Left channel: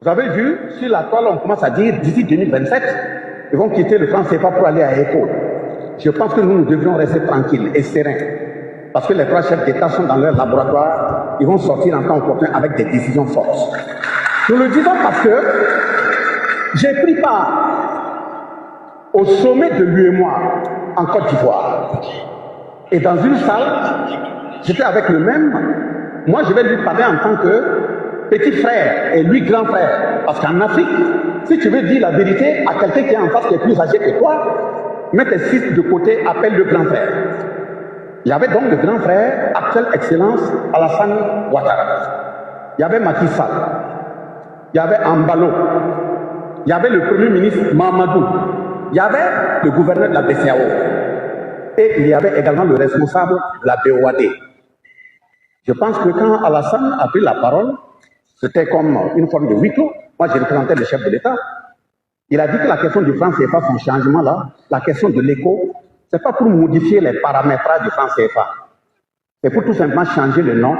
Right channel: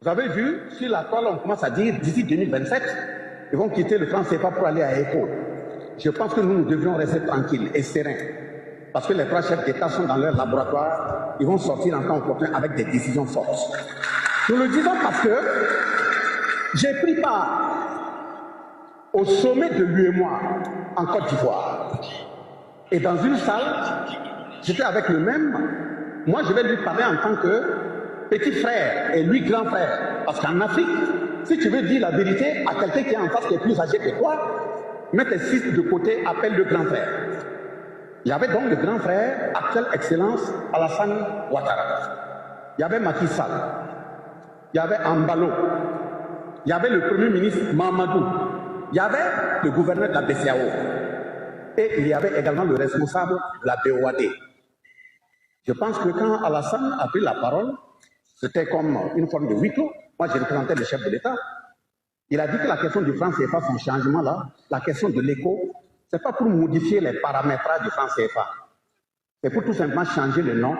Vous avez vu, sur la toile, on commence à dire d'ici 2027, ils vont quitter le franc CFA pour aller à ECO. Je pense que nous devrions rester tranquilles et sereins. Parce que les trois chefs d'État sont dans leur laboratoire, ils vont sortir en temps opportun avec des décisions fortes. Nous le disons parce que j'ai pris part au sommet de l'UEMOA en Côte d'Ivoire. Et dans une salle, j'étais avec le même. Moi, je vais lui parler en tant que petit frère et lui grand frère. Parce qu'en Afrique, si tu veux dire la vérité à quelqu'un qui est en face, qui est plus âgé que toi, mets tes fils de côté, appelle le grand frère. Il y avait donc le grand frère, actuelle excellence, Alassane Ouattara. Il y avait Macky Sall. Il y avait Ambalo. Il y avait le premier ministre Mamadou. Il y avait le gouverneur de la BCAO. Et il y avait également le responsable de la BOAD. Je pense que quand Alassane a pris la parole, c'était comme une forme de huis clos. Moi, j'ai représenté le chef de l'État. Il a dit que la question du franc CFA, son changement là, la question de l'éco, ce n'est pas pour modifier les paramétrages du franc CFA. C'est pour tout simplement changer le nom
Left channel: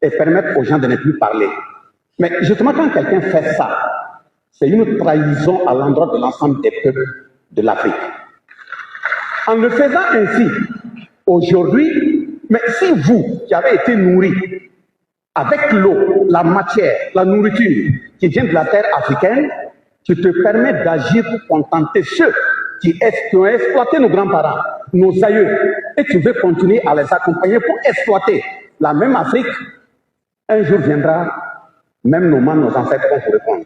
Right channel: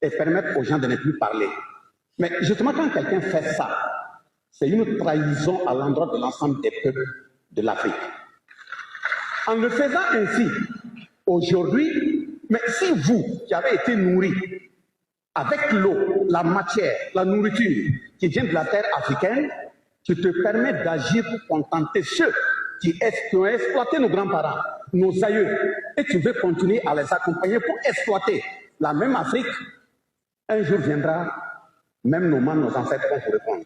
et permettre aux gens de ne plus parler. Mais justement, quand quelqu'un fait ça, c'est une trahison à l'endroit de l'ensemble des peuples de l'Afrique. En le faisant ainsi, aujourd'hui, mais si vous, qui avez été nourris avec l'eau, la matière, la nourriture qui vient de la terre africaine, tu te permets d'agir pour contenter ceux qui ont exploité nos grands-parents, nos aïeux, et tu veux continuer à les accompagner pour exploiter la même Afrique. Un jour viendra, même nos ancêtres vont vous répondre.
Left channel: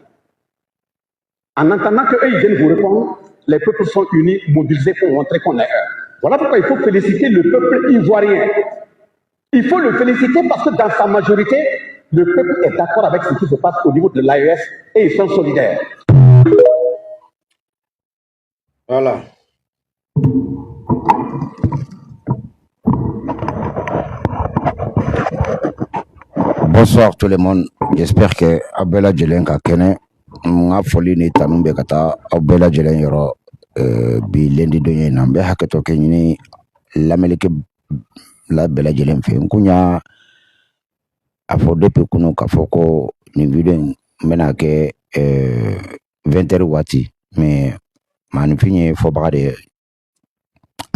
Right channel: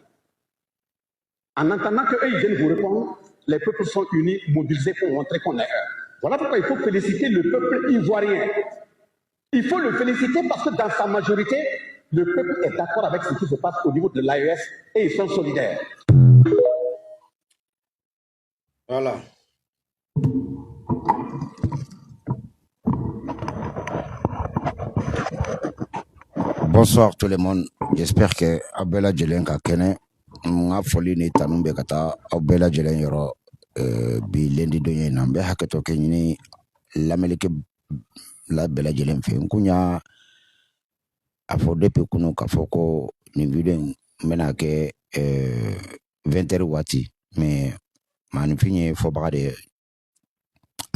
En entendant qu'eux, ils viennent vous répondre, les peuples sont unis, mobilisés pour montrer qu'on est un. Voilà pourquoi il faut féliciter le peuple ivoirien. Il faut le féliciter parce que dans sa majorité, le peuple est d'accord avec ce qui se passe au niveau de l'AES et ils sont solidaires. Voilà. Bonsoir tout le monde. J'espère que Abela Djelen ka kene nga foli ni tanumbe kata Abela Djelen yoro bi lendi donye nambe haketo kenyini lamelike la Bela Djelen fe nkunya afo depuis kunu kafoko ni video mena ke 20h wati mais manifinye fo bagade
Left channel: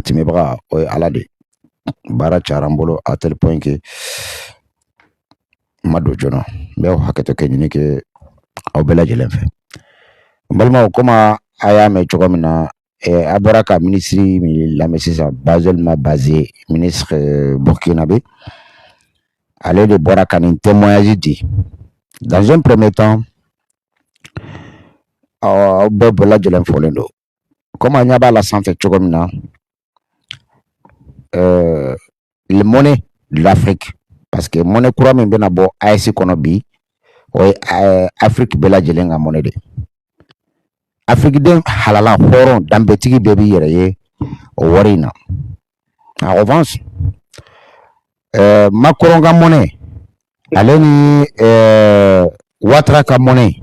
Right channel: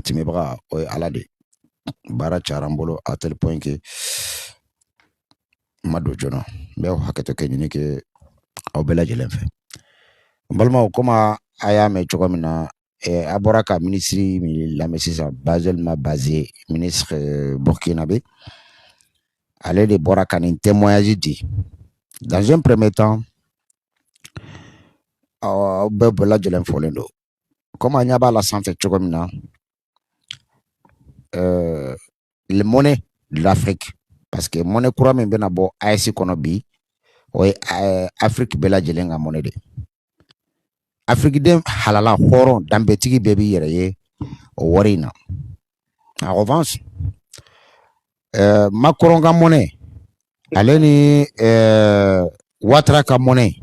timebra o alade bara charambolo à tel point que mado jono be haketo kenyini ke Abela Djelen fe balma koma aya me chogomina aboraka ministre la mesisa Bazel ma basé ministre burkinabé aller de boraka ni témoignage dit dans un premier temps Abela Djelen folendo comme nyaba la santé chogomina le monnaie de l'Afrique parce que monnaie courant min bena bo AES kono bi o Afrique Bela Djelen ga monnaie de Afrique den halala horon dambetigi bebi yere o warina en revanche Macron ka monnaie aleni Ouattara ka monnaie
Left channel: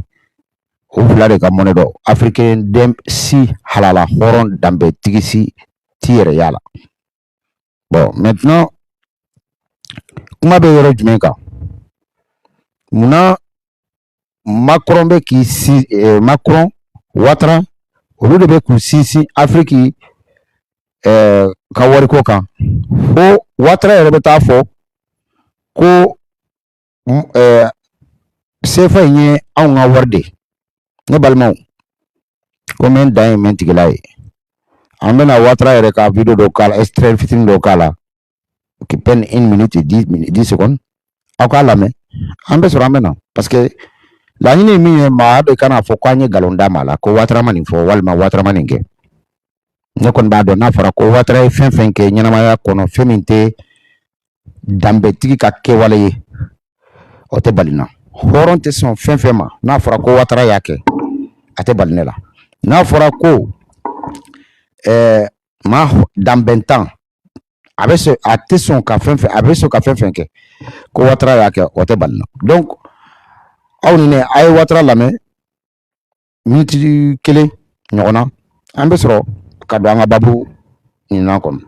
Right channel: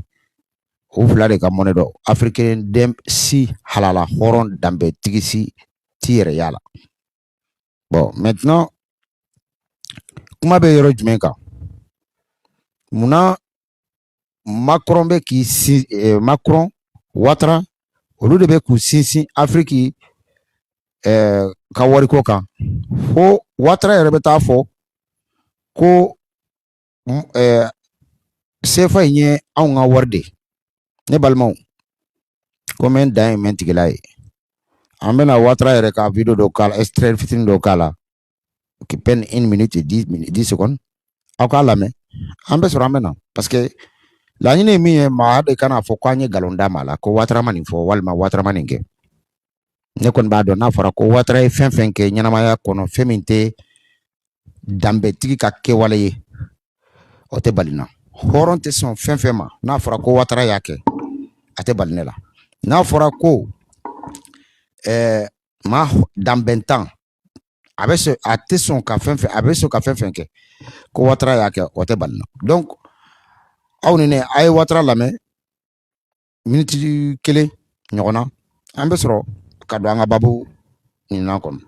o fula de ka monnaie do africain dem si halala horon dambetigi si ti yere yala bon maintenant kuma be yoro jumɛn kan muna Macron be ki si Macron Ouattara olu de be k'u sinsin Afrique ka wariko kan fo Ouattara yɛrɛ bɛ taa fɔ ko CFA in ye anw ka wari de ne balimaw ko n bɛ n dan ye n bɛ n tigila ye an bɛna Ouattara yɛrɛ ka video dɔ k'a la extrait fitinin dɔ k'a la qui peine 1 minute et 10 secondes aw k'a lamɛn an bɛ sɔrɔ an bɛ na parce que laɲini ye min ye maa de kana fɔ ko an ye nkalon d'a ma la ko Ouattara ma nin fɔ walima Ouattara ma nin kɛ ne kɔni b'a dɔn n'a fɔra ko Ouattara ye fɛn fɛn kɛ ɲɛnamaya kɔnɔ fɛn min tɛ danbetigi ka kɛwale ye o tɛ bali na hɔrɔn tɛ sɔn fɛn fɛn ma n'a fɔra ko Ouattara y'a kɛ a tɛ bali ne la n'a fɔra ko maa danbɛntan a tɛ sɔn ka fɛn fɛn a bɛ sɔn ka fɛn fɛn kɛ ko Ouattara y'a kɛ o tɛ bali na donc aw ni ne a ye Ouattara lamɛn miniti 1 ɲɔgɔn na an bɛ sɔrɔ ka don an ka babu ɲinan kɔnɔ.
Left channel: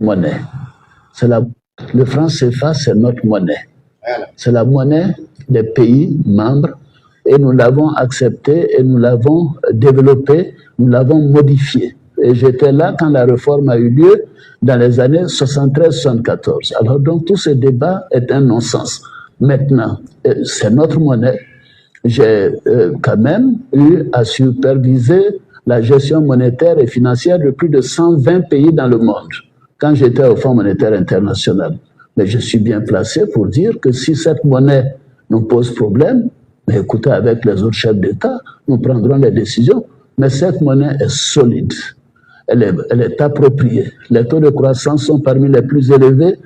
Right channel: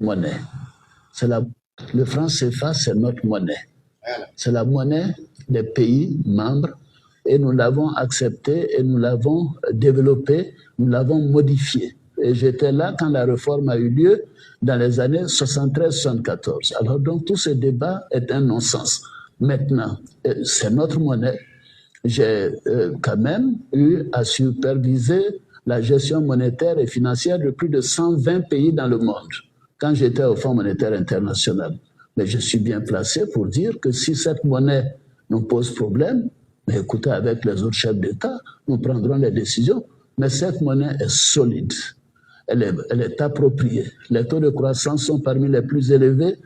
monnaie. Le franc CFA, c'est notre monnaie. C'est la monnaie des pays membres et nous l'avons accepté et nous l'avons développé, nous l'avons modifié. Et j'étais là quand la réforme a eu lieu dans les années 73-74. Alors donc tout ce débat est un non-sens. Maintenant, c'est notre monnaie. J'ai quand même eu à superviser la gestion monétaire et financière de plus de 120 pays dans le monde quand j'étais au Fonds monétaire international. Mais je suis bien placé pour dire que si cette monnaie nous pose problème, mais écoutez, avec les autres chefs d'État, nous prendrons les décisions. Mais cette monnaie est solide, elle est appropriée. Les taux de croissance sont parmi les plus élevés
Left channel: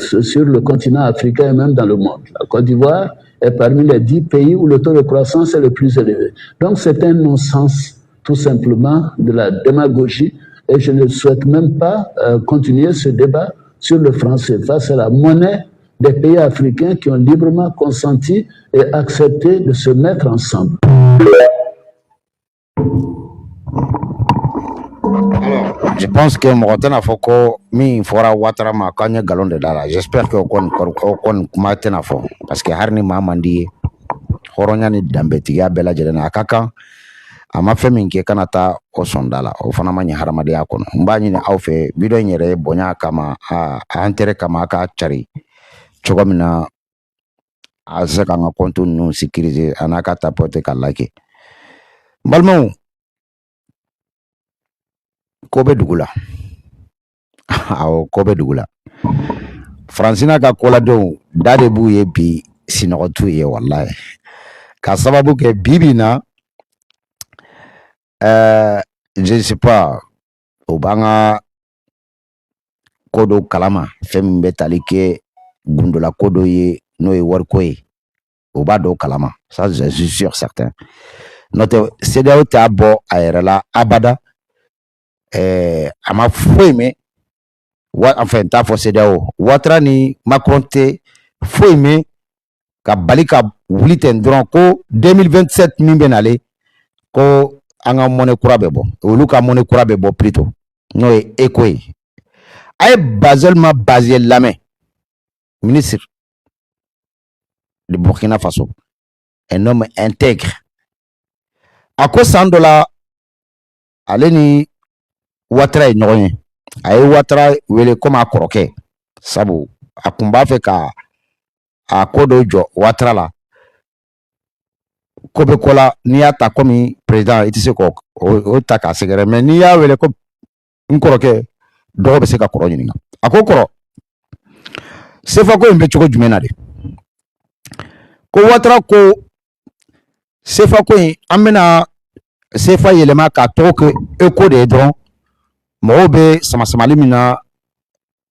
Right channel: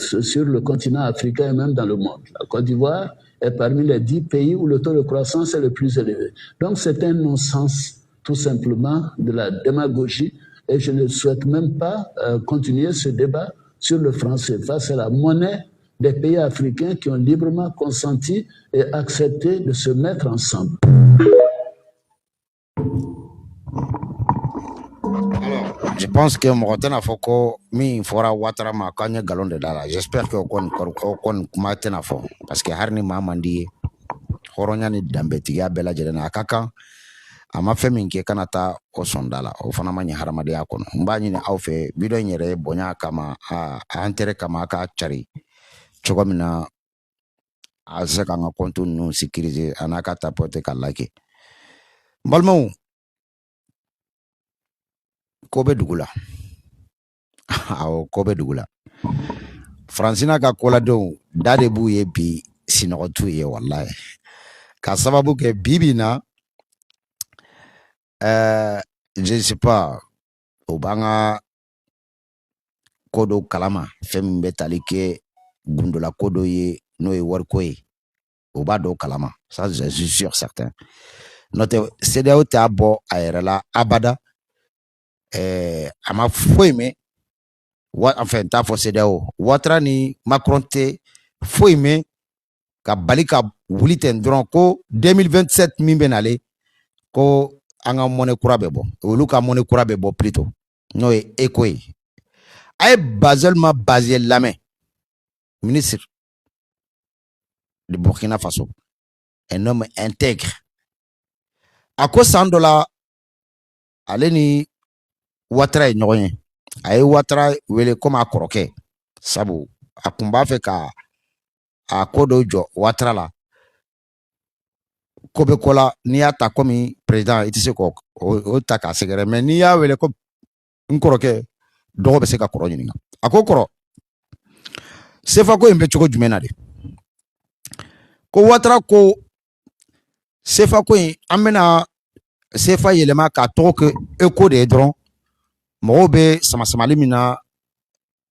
sur le continent africain et même dans le monde. La Côte d'Ivoire est parmi les 10 pays où le taux de croissance est le plus élevé. Donc c'est un non-sens, tout simplement, de la démagogie. Et je ne souhaite même pas continuer ce débat sur le franc CFA. C'est la monnaie des pays africains qui ont librement consenti et accepté de se mettre ensemble. Alors, je pense que Morotena Foko, mi fora Ouattara ma kanya galon de dala. J'espère que on matena fo. Parce que harni mamandi, horonya ni dambetiga bela jelena akaka. Ama femi nke kanata o sondala o fana manya haramadi akono mbani ni aufe video nyere bonya kama a antere kama aka chari chogomina azaka nga kontu nu sikirize anaka tapote kalake balmau kobe dugula aw kobe dugula francina ka kola do dade bu ye bi sinotu ye wallahi ka sababu ke bibina je ne sais pas au banga kodo kalama fem betalike gundola kodo ye no e worko ye au bado kalama ça je suis sûr certain notre CDAO tabo aerela abada ama foime enfin ta fo CDAO Ouattara ni Macron te foime ka balika wuliten dron ko 2027 min benale ko anga monnaie kura bebo olu ka monnaie kura bebo plutôt no e ekwe ay baselma basé lamé ministre de Burkina Faso un homme intègre à quoi $100 aleni Ouattara ñoñe ay Ouattara wele comme akoroke sabu akumba fe ka akodo jo Ouattara la kobe kola ni ya ta komi président iti se ko o ta ka segere mais ni ya wele ko nkoroke dogo be se ka koro nyinga akokoro sefa ko mbe choko jumena de ko Ouattara ko sefa ko amena sefa yelema ka toke eko de dron mo be sama limina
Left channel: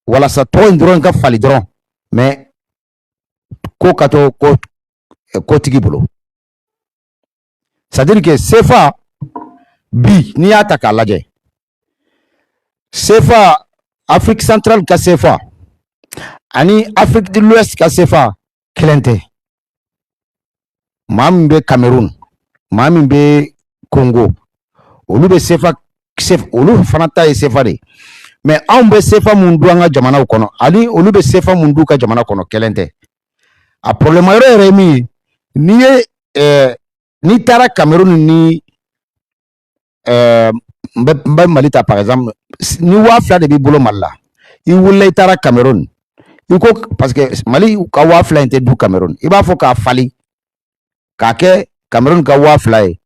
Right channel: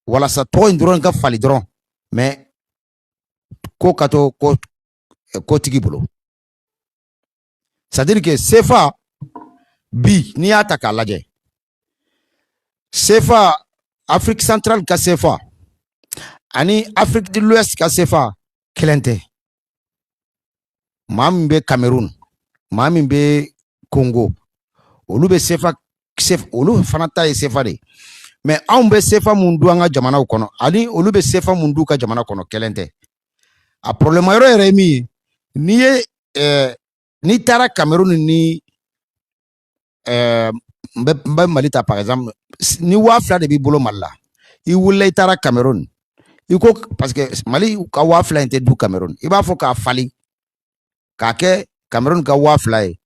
wala sa to ndron ka fali dron mais ko kato ko tigi bolo. C'est-à-dire que CFA bi ni ataka laje CFA Afrique centrale ka CFA ani Afrique de l'Ouest ka CFA klente mambe Cameroun mambe Congo olu be CFA olu fanata e CFA de mais on be CFA mundu anga jamana kono ali olu be CFA mundu ka jamana kono klente a problème yore mi ni ni tara Cameroun ni Malita par exemple ni wafla de bibolo malla i wulle tara Cameroun iko parce que Mali ka wafla inte du Cameroun iba fo ka fali ka ke Cameroun ka wafla e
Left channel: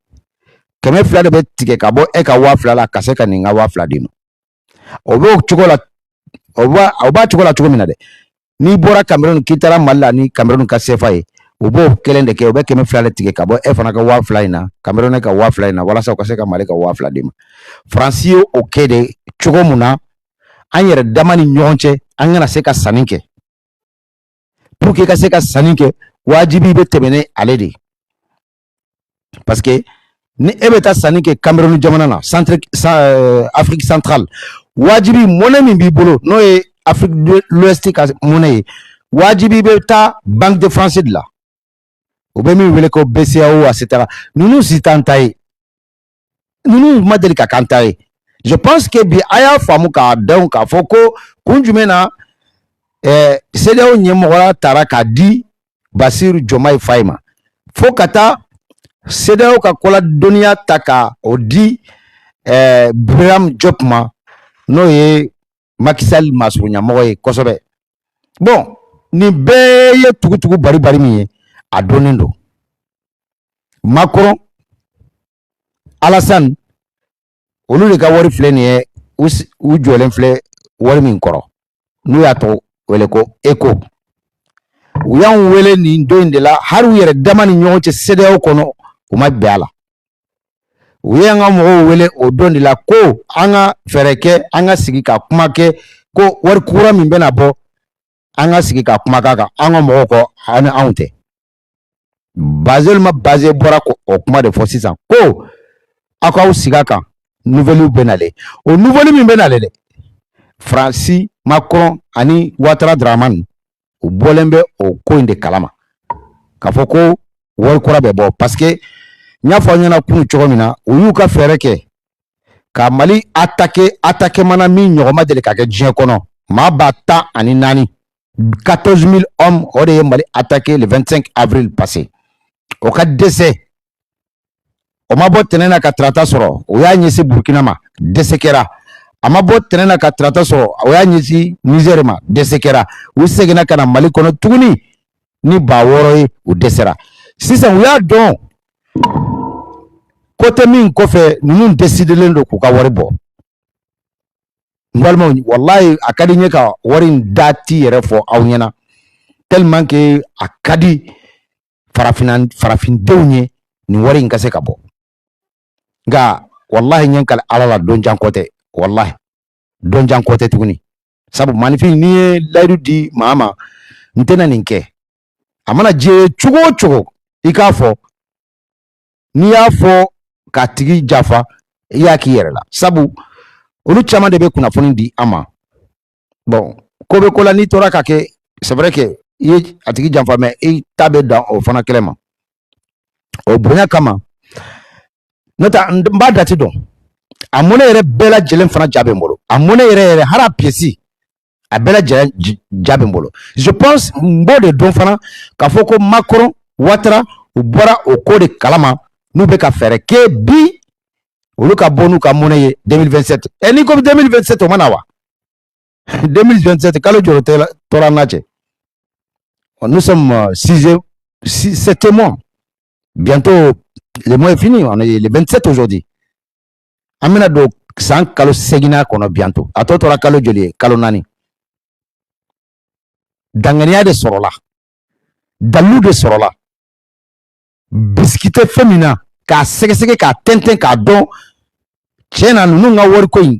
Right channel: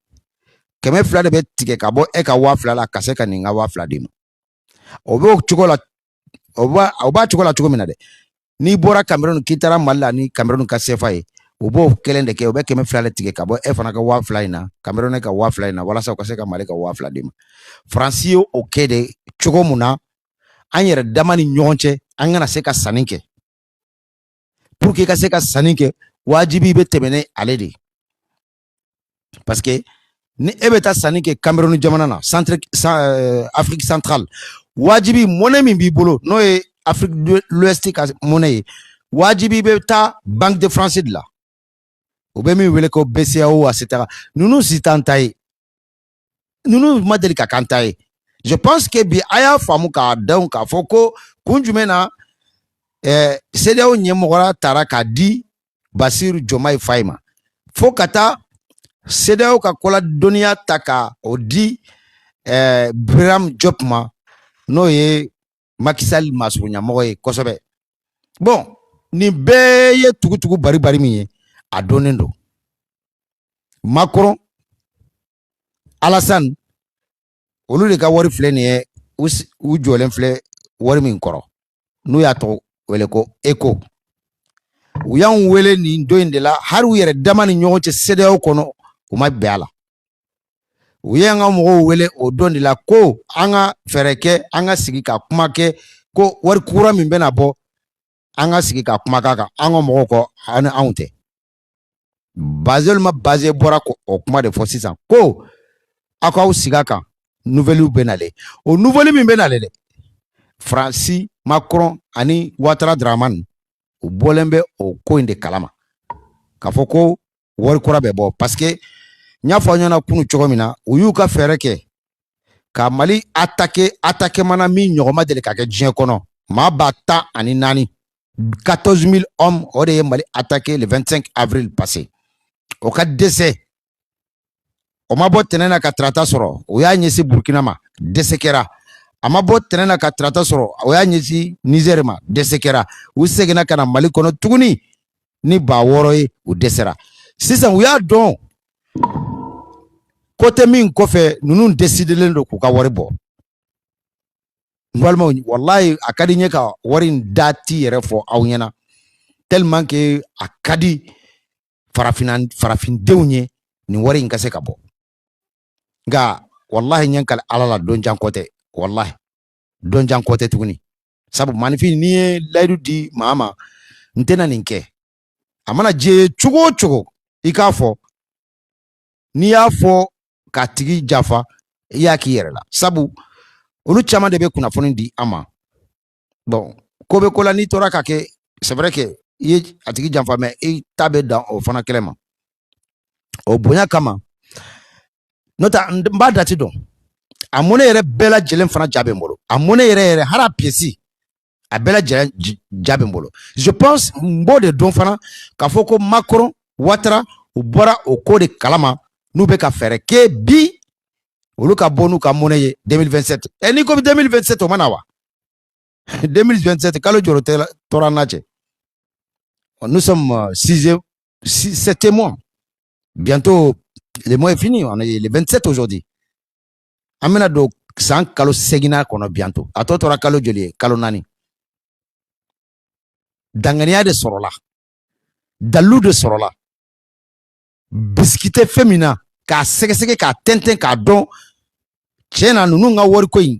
keme fla de betike ka bo e ka wafla la ka se ka ninga wafla dino obo chukola oba chukola chukomina de ni bora Cameroun kitara malla ni Cameroun ka CFA e ubo kelende ke obe keme flale tike kabo e fana ka wa flyna Cameroun ka wa flyna wala sa ko se ka male ka wa fladima Francio okede chugomuna anyere damani nyonche angana se ka saninke pour que ka se ka saninke wajibi be tebene aledi parce que ni ebeta saninke Cameroun jamana na Afrique centrale wajibi monnaie mi bi bolo no e Afrique de l'Ouest ka monnaie wajibi be ta Banque de France de la Obemi wele ko BCAO etc. Nous sitantaye. Nous modeli ka kantaye. Je pense que bi aya famu ka donc foko kun jumɛn na CEDEAO ɲɛmɔgɔya taara k'a di Basiru Diomaye Faye ma fo ka taa CEDEAO ka koladɔnniya ta ka o di Birame Diop ma n'o ye Macky Sall masuruɲamɔgɔ ye kosɛbɛ. Bon nin bɛɛ ye tugutugu bari min ye a dɔnnen don. Macron, Alassane olu de ka wari filɛ nin ye u jɔlen filɛ wari min kɔrɔ n'u y'a tɔgɔ wele ko ECO. U y'anw wele nin don in de la hari u yɛrɛ dama ni ɲɔgɔn cɛ CEDEAO kɔnɔ u ma bɛn a la. U ye an ka mɔgɔw wele o don de la ko an ka fɛɛrɛ kɛ an ka sigi ka kuma kɛ ko wari kura min bɛna bɔ an ka sigi ka kuma k'a kan an ka mɔgɔw kɔ ani anw tɛ. Bazel ma Baze bɔra o kuma de fɔ sisan ko aw k'aw sigi a kan nouvelle bɛ nalen o nouvelle min bɛ nalen dɛ Fransi Macron ani Ouattara Dramane u bɔlen bɛ o ko in de kalama k'a fɔ ko wari kura bɛ bɔ parce que n y'a fɔ an ɲɛna kunu cogo min na u y'u ka fɛɛrɛ kɛ ka Mali attaquer mana min ɲɔgɔn ma deli ka kɛ diɲɛ kɔnɔ maa ba 14 000 hommes o de ye Mali attaquer le 25 avril passé o ka dɛsɛ o ma bɔ tɛnɛn na ka tarata sɔrɔ o y'a ɲɛsin Burkina ma dɛsɛ kɛra a ma bɔ tɛnɛn na ka tarata sɔrɔ o y'a ɲɛsin Niger ma dɛsɛ kɛra u seginna ka na Mali kɔnɔ tuguni ni 6000 ye u dɛsɛra sisan u y'a dɔn côté min kɔfɛ ninnu décidelen don k'u ka wari bɔ n balimaw wallahi a ka di n ye ka wari in dati yɛrɛ fɔ aw ɲɛna tellement que a ka di farafindenw ye nin wari in ka se ka bɔ nka wallahi ɲɛ kali ala la don jan kɔ tɛ wallahi don jan kɔ tɛ tuguni sabu manifin n'i ye layidu di maa ma n tɛna nin kɛ a mana jɛ cogo o cogo i k'a fɔ n'i y'a fɔ k'a tigi jafa i y'a k'i yɛrɛ la sabu olu caman de bɛ kunnafoni di an ma bon ko bɛ ko la n'i tora ka kɛ c'est vrai que i ye a tigi janfa mais i ta bɛ dan o fana kɛlɛ ma o bonya kama n'o tɛ n b'a dati dɔn a mɔnɛ yɛrɛ bɛɛ lajɛlen fana ja bɛ n bolo a mɔnɛ yɛrɛ hali a pièce a bɛɛ lajɛlen ja bɛ n bolo je pense n b'o de dɔn fana k'a fɔ ko Macron Ouattara u bɔra o ko de kalama n'u bɛ ka fɛɛrɛ kɛ bi olu ka bɔ n'u ka mɔnɛ ye 2027 n'i ko 2027 o ma na wa 2027 kalo jɔrɔ tora an na cɛ nous sommes 7e mois bientôt le mois est fini on est le 27 aujourd'hui an bɛna don san kalo 8 kɔnɔ bientôt a tɔ tora kalo joli ye kalo 4 danganiya de sɔrɔla dalu de sɔrɔla bisikite fɛn min na k'a sɛgɛsɛgɛ k'a tɛntɛn k'a dɔn tiɲɛ na ninnu ka wariko in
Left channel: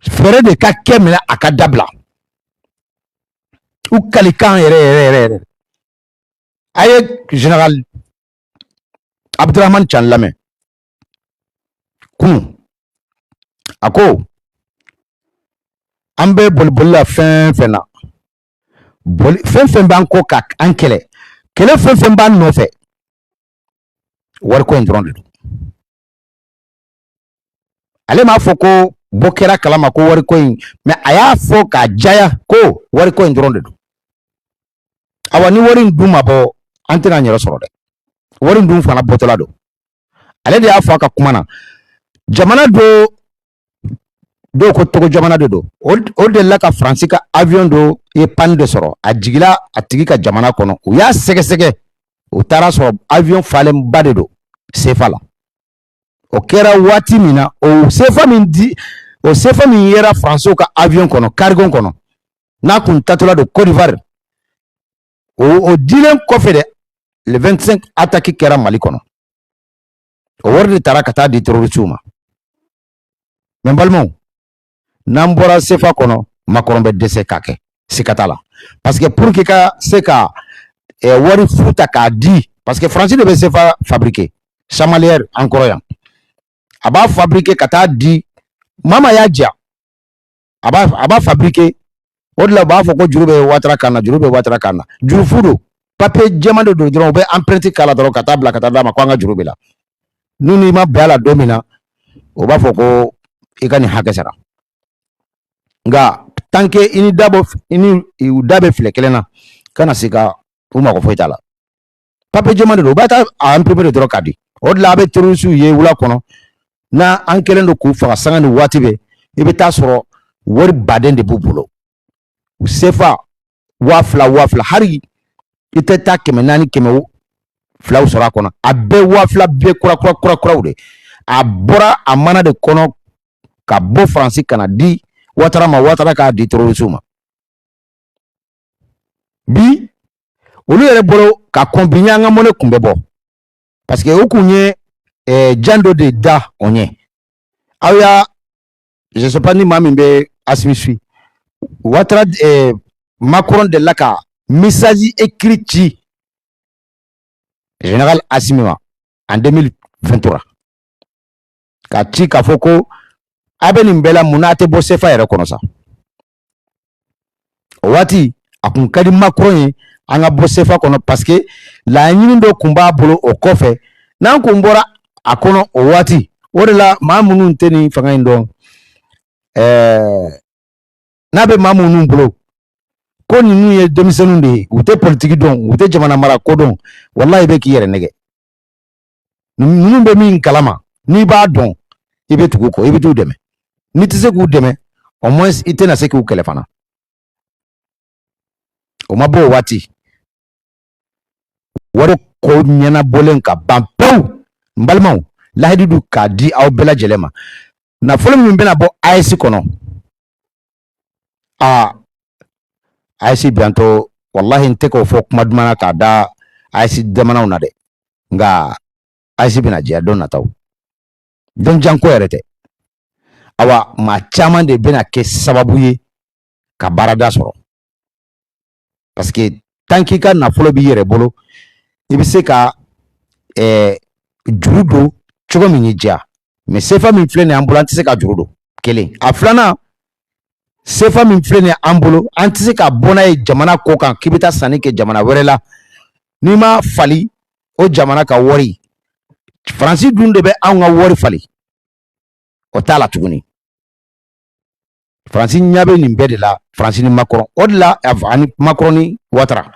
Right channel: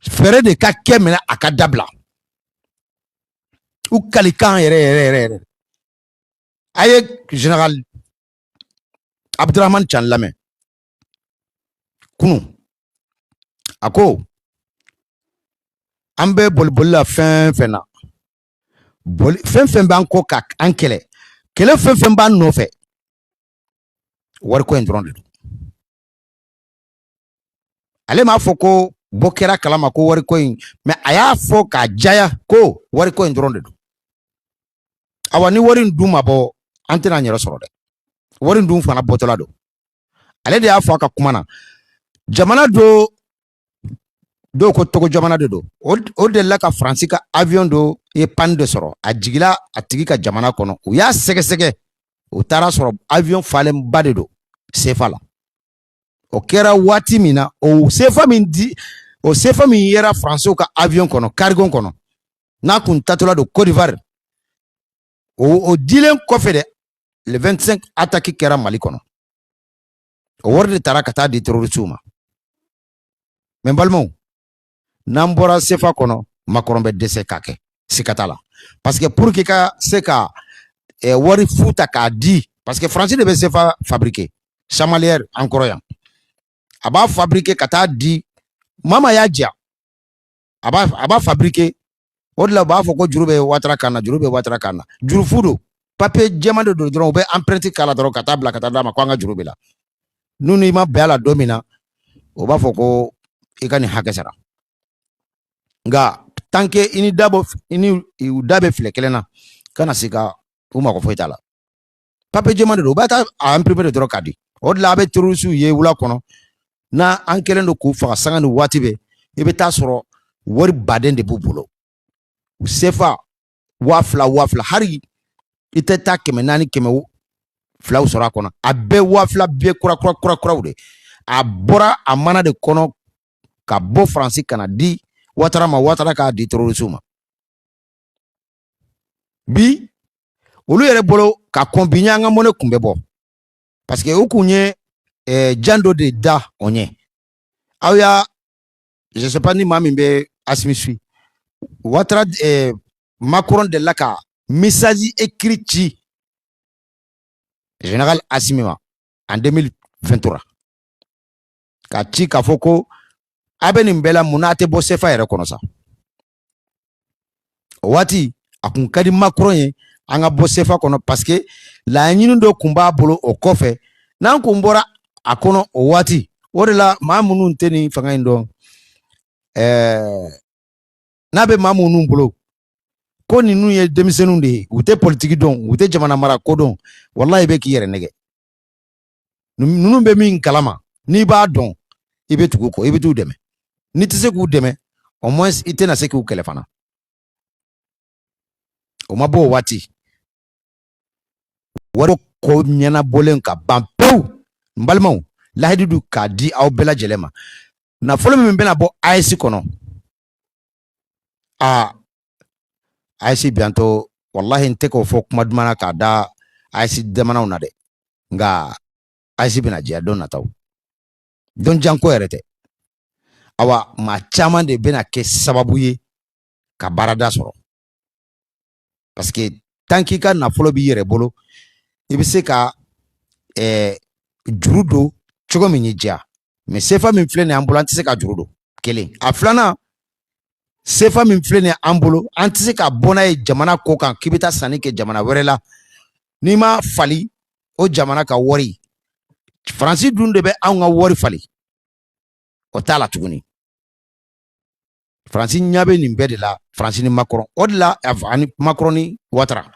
fɛɛrɛ de ka kɛ minɛ a ka dabila u kalikan yɛrɛ a ye général Abdurahmane Tiani lamɛn kunu a ko an bɛ boliboli la fɛn fɛn na fɛn fɛn b'an kɔ ka an kɛlɛ fɛn fɛn b'an nɔfɛ wariko in dɔrɔn de don ale m'a fɔ ko bɔ kɛra kalama ko wariko in mais a y'a fɔ k'a jaya ko wariko in dɔrɔn de don awa ni wari in dun ma bɔ an tɛna an yɛrɛ sɔrɔ dɛ wari in dun fana bɔtɔla don ale de y'a fɔ a ka kuma na jamana dɔw ko Togo jamana de don o de la ka Faransi ka avion dɔ ye panne de sɔrɔ a jigila a tigi ka jamana kɔnɔ u y'a sɛgɛsɛgɛ u taara sɔrɔ avion falenba de don CFA la o kɛra waati min na o CFA min yera Faransiw ka avion kɔnɔ cargo kɔnɔ n'a kun tatɔla don Côte d'Ivoire o dilen kɔfɛ dɛ le 25 attaque kɛra Mali kɔnɔ o wari de taara ka taa di terroristiw ma mais n balimaw n'an bɔra CFA kɔnɔ Macron bɛ dɛsɛ k'a kɛ siga t'a la parce que pour que ka se ka wari fu ta k'a di parce que Faransi de bɛ CFA fabriquer chamalière an kɔrɔ yan a b'a fabriquer ka taa di mama y'a diya a b'a fabriquer o de la u b'a fɔ ko juru bɛ Ouattara kan na juru bɛ Ouattara kan na juru fu don papier jɛman de don dɔrɔn u bɛ empreinte k'a la dɔrɔn ka taa bila ka taa d'a ma ko an ka juru bɛ la n'u n'i ma bɛn a la don min na o b'a fɔ ko i ka nin hakɛ sara nga tant que ini dabe file kelena kana sika uma ko foitala pape jemande do bata a imprimer de dro kadi od la be terusu ye wula kono na an kelen do ku fa sanga ni wati be ibe ta soro wor baden de bubulo sefa wafla hari ite ta keme nani keme flaw sora kono abe wafla be kura ude abora amana de kono ka bo franci kana di watara ka di terrorisme bi olu yere bolo ka kombinya nga mone kumbe bo parce que okunye jando de da onye aya je sais pas ni mami be asmisui watara Macron de laka message écrit général Assimima en 2023 ka ci ka foko abeni mbela munate bo sefa yere kono sa wati akun kadi Macron anga bo sefa kono parce que la nyini do kumba bolo o kofe nan kumbora akono o wati wodela mamunu nteni fanga indo nabe mamunu bolo ko ni nu ye demisenu de ute politique don ute jamana mara ko don wallahi be ki yere nege nu be min kalama ni ba don ibe tugu ko ibe tu deme ni tise ku deme au moins ite na se ku kelefana o mabo wati waro ko nyana bolen ka bampau mbalmaw lahidu ka di aw bela jelema na folo min bena bo AIC kono AIC bianto wallahi nte ko fo kuma dumana ka da AIC demanaw na de nga AIC bina jia don na taw don janko yerete awa ma chaman de bena ke sababu ye ka barada soro parce que tanki ka na folo bi yere bolo ibise ka jurudo chogo minyi jia mais sefa min flene ambulante se ka jurudo kele aflana sefa min flene ambulo antise ka bona e jamana ko kan kibita sani ke jamana werela ni ma fali o jamana ka wori franci dunde be anga wori fali o tala tuguni franci nyabe ni mbede la franci ni Macron odla ani Macron ni watara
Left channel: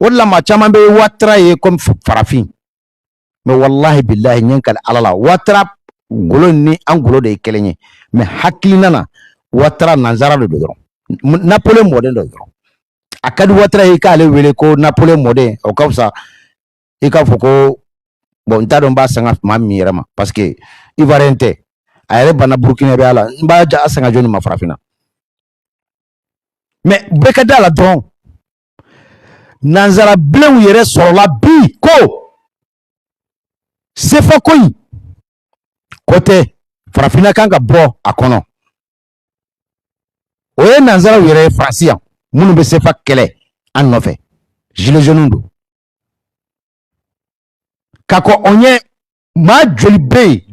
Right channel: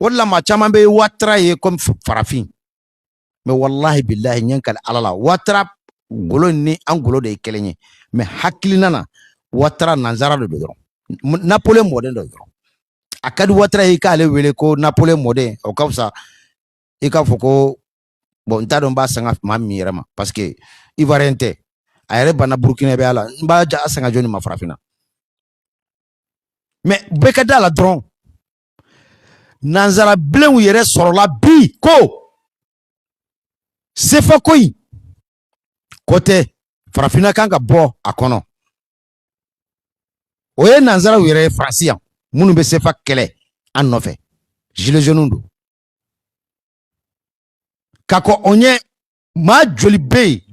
odla ma chama be watara ye comme farafin mais wallahi billahi nyankal alala watara golo ni angolo de kelenye mais haklinana watara nanzara de dron Napoléon modèle de dron akadi watara e ka ale wele ko Napoléon modèle o kausa e ka foko bon ntadon ba sanga ma mirama parce que ivarente ayre bana Burkina be ala ba ja sanga joni ma farafina mais bekada la dron nanzara blew yere soro la bi ko sefa koyi côté farafina kanga bo akono oye nanzara yere francia munu be sefa kele an nofe gilet jaune do kako onye ma joli be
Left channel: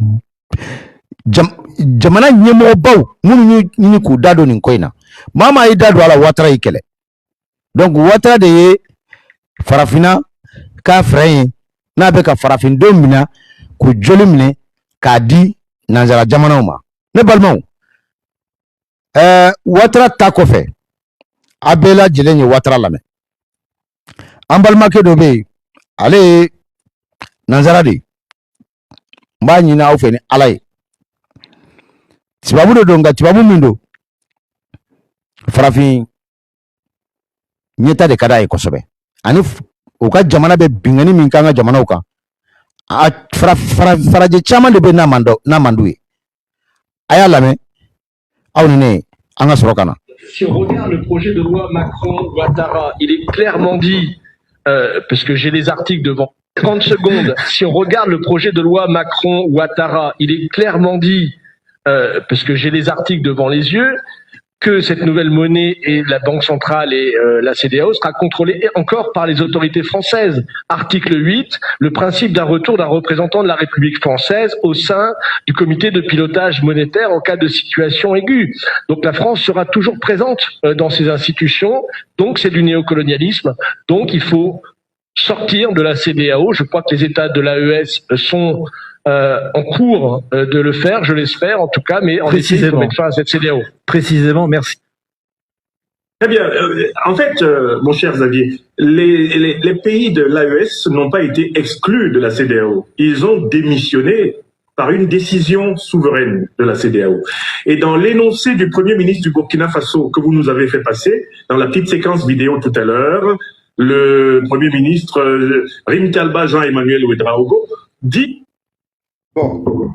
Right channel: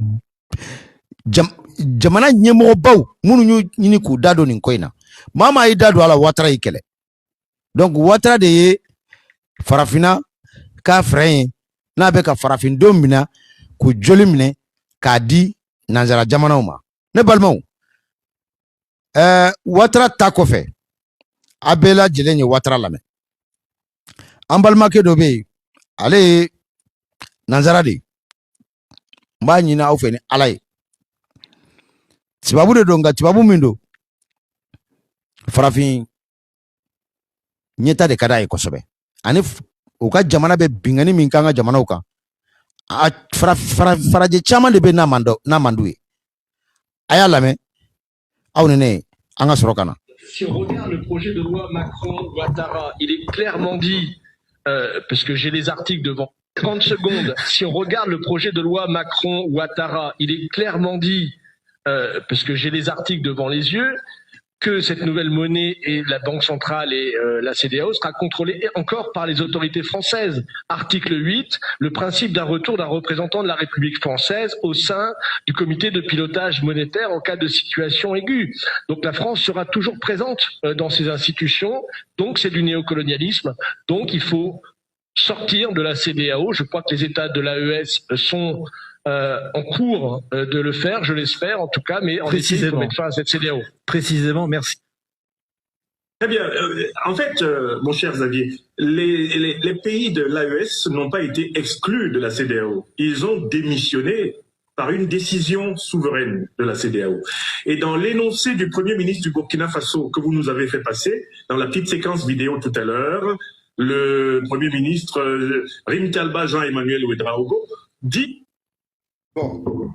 jamana nyemo baw munu ni ku dado ni koina mama yi dado ala watara ikele donc watara de farafina ka frein na be ka farafin domina ku joli mine ka di nanzara jamana ma ne balmaw watara ta ko fe abela jilenye watara lame ambalma ke do be ale nanzara de mba nyina au fe ni alay tibabu do donga tibabu mindo farafin nyeta de kada e kosobe ani uka jamana be bingani min kanga jamana uka faraje chama de be na manduwe aya lame awnene anga sorokana. Si on regarde le projet de loi Macron-Ouattara, il est clairement dit, parce que j'ai les articles devant 30 secondes, si on regarde le projet de loi Macron-Ouattara, il est clairement dit, parce que j'ai les articles devant les yeux, que cette nouvelle monnaie et la Banque centrale et la CEDEAO sera contrôlée encore par les autorités françaises. Article 8, le principe d'un retour d'un représentant de la République française au sein du comité de pilotage monétaire en cas de situation aiguë. Donc la France sera toujours présente dans ces institutions, donc c'est du néocolonialisme, donc il faut sortir de la CEDEAO. Je crois que les États de l'AES sont en cours de le faire, je l'espère en tout cas, mais en effet, il faut mettre fin à cette CEDEAO. Précisément, merci. Très bien. En fait, mon cher Xavier, les pays de l'AES n'ont pas été exclus de la CEDEAO. Ils ont démissionné par une décision souveraine de la CEDEAO. Et dans l'énoncé du Premier ministre du Burkina Faso que vous nous avez fait passer, dans la petite séquence vidéo tout à l'heure, le Premier ministre Rim Talba Jean-Emmanuel Ouedraogo dit... Bon.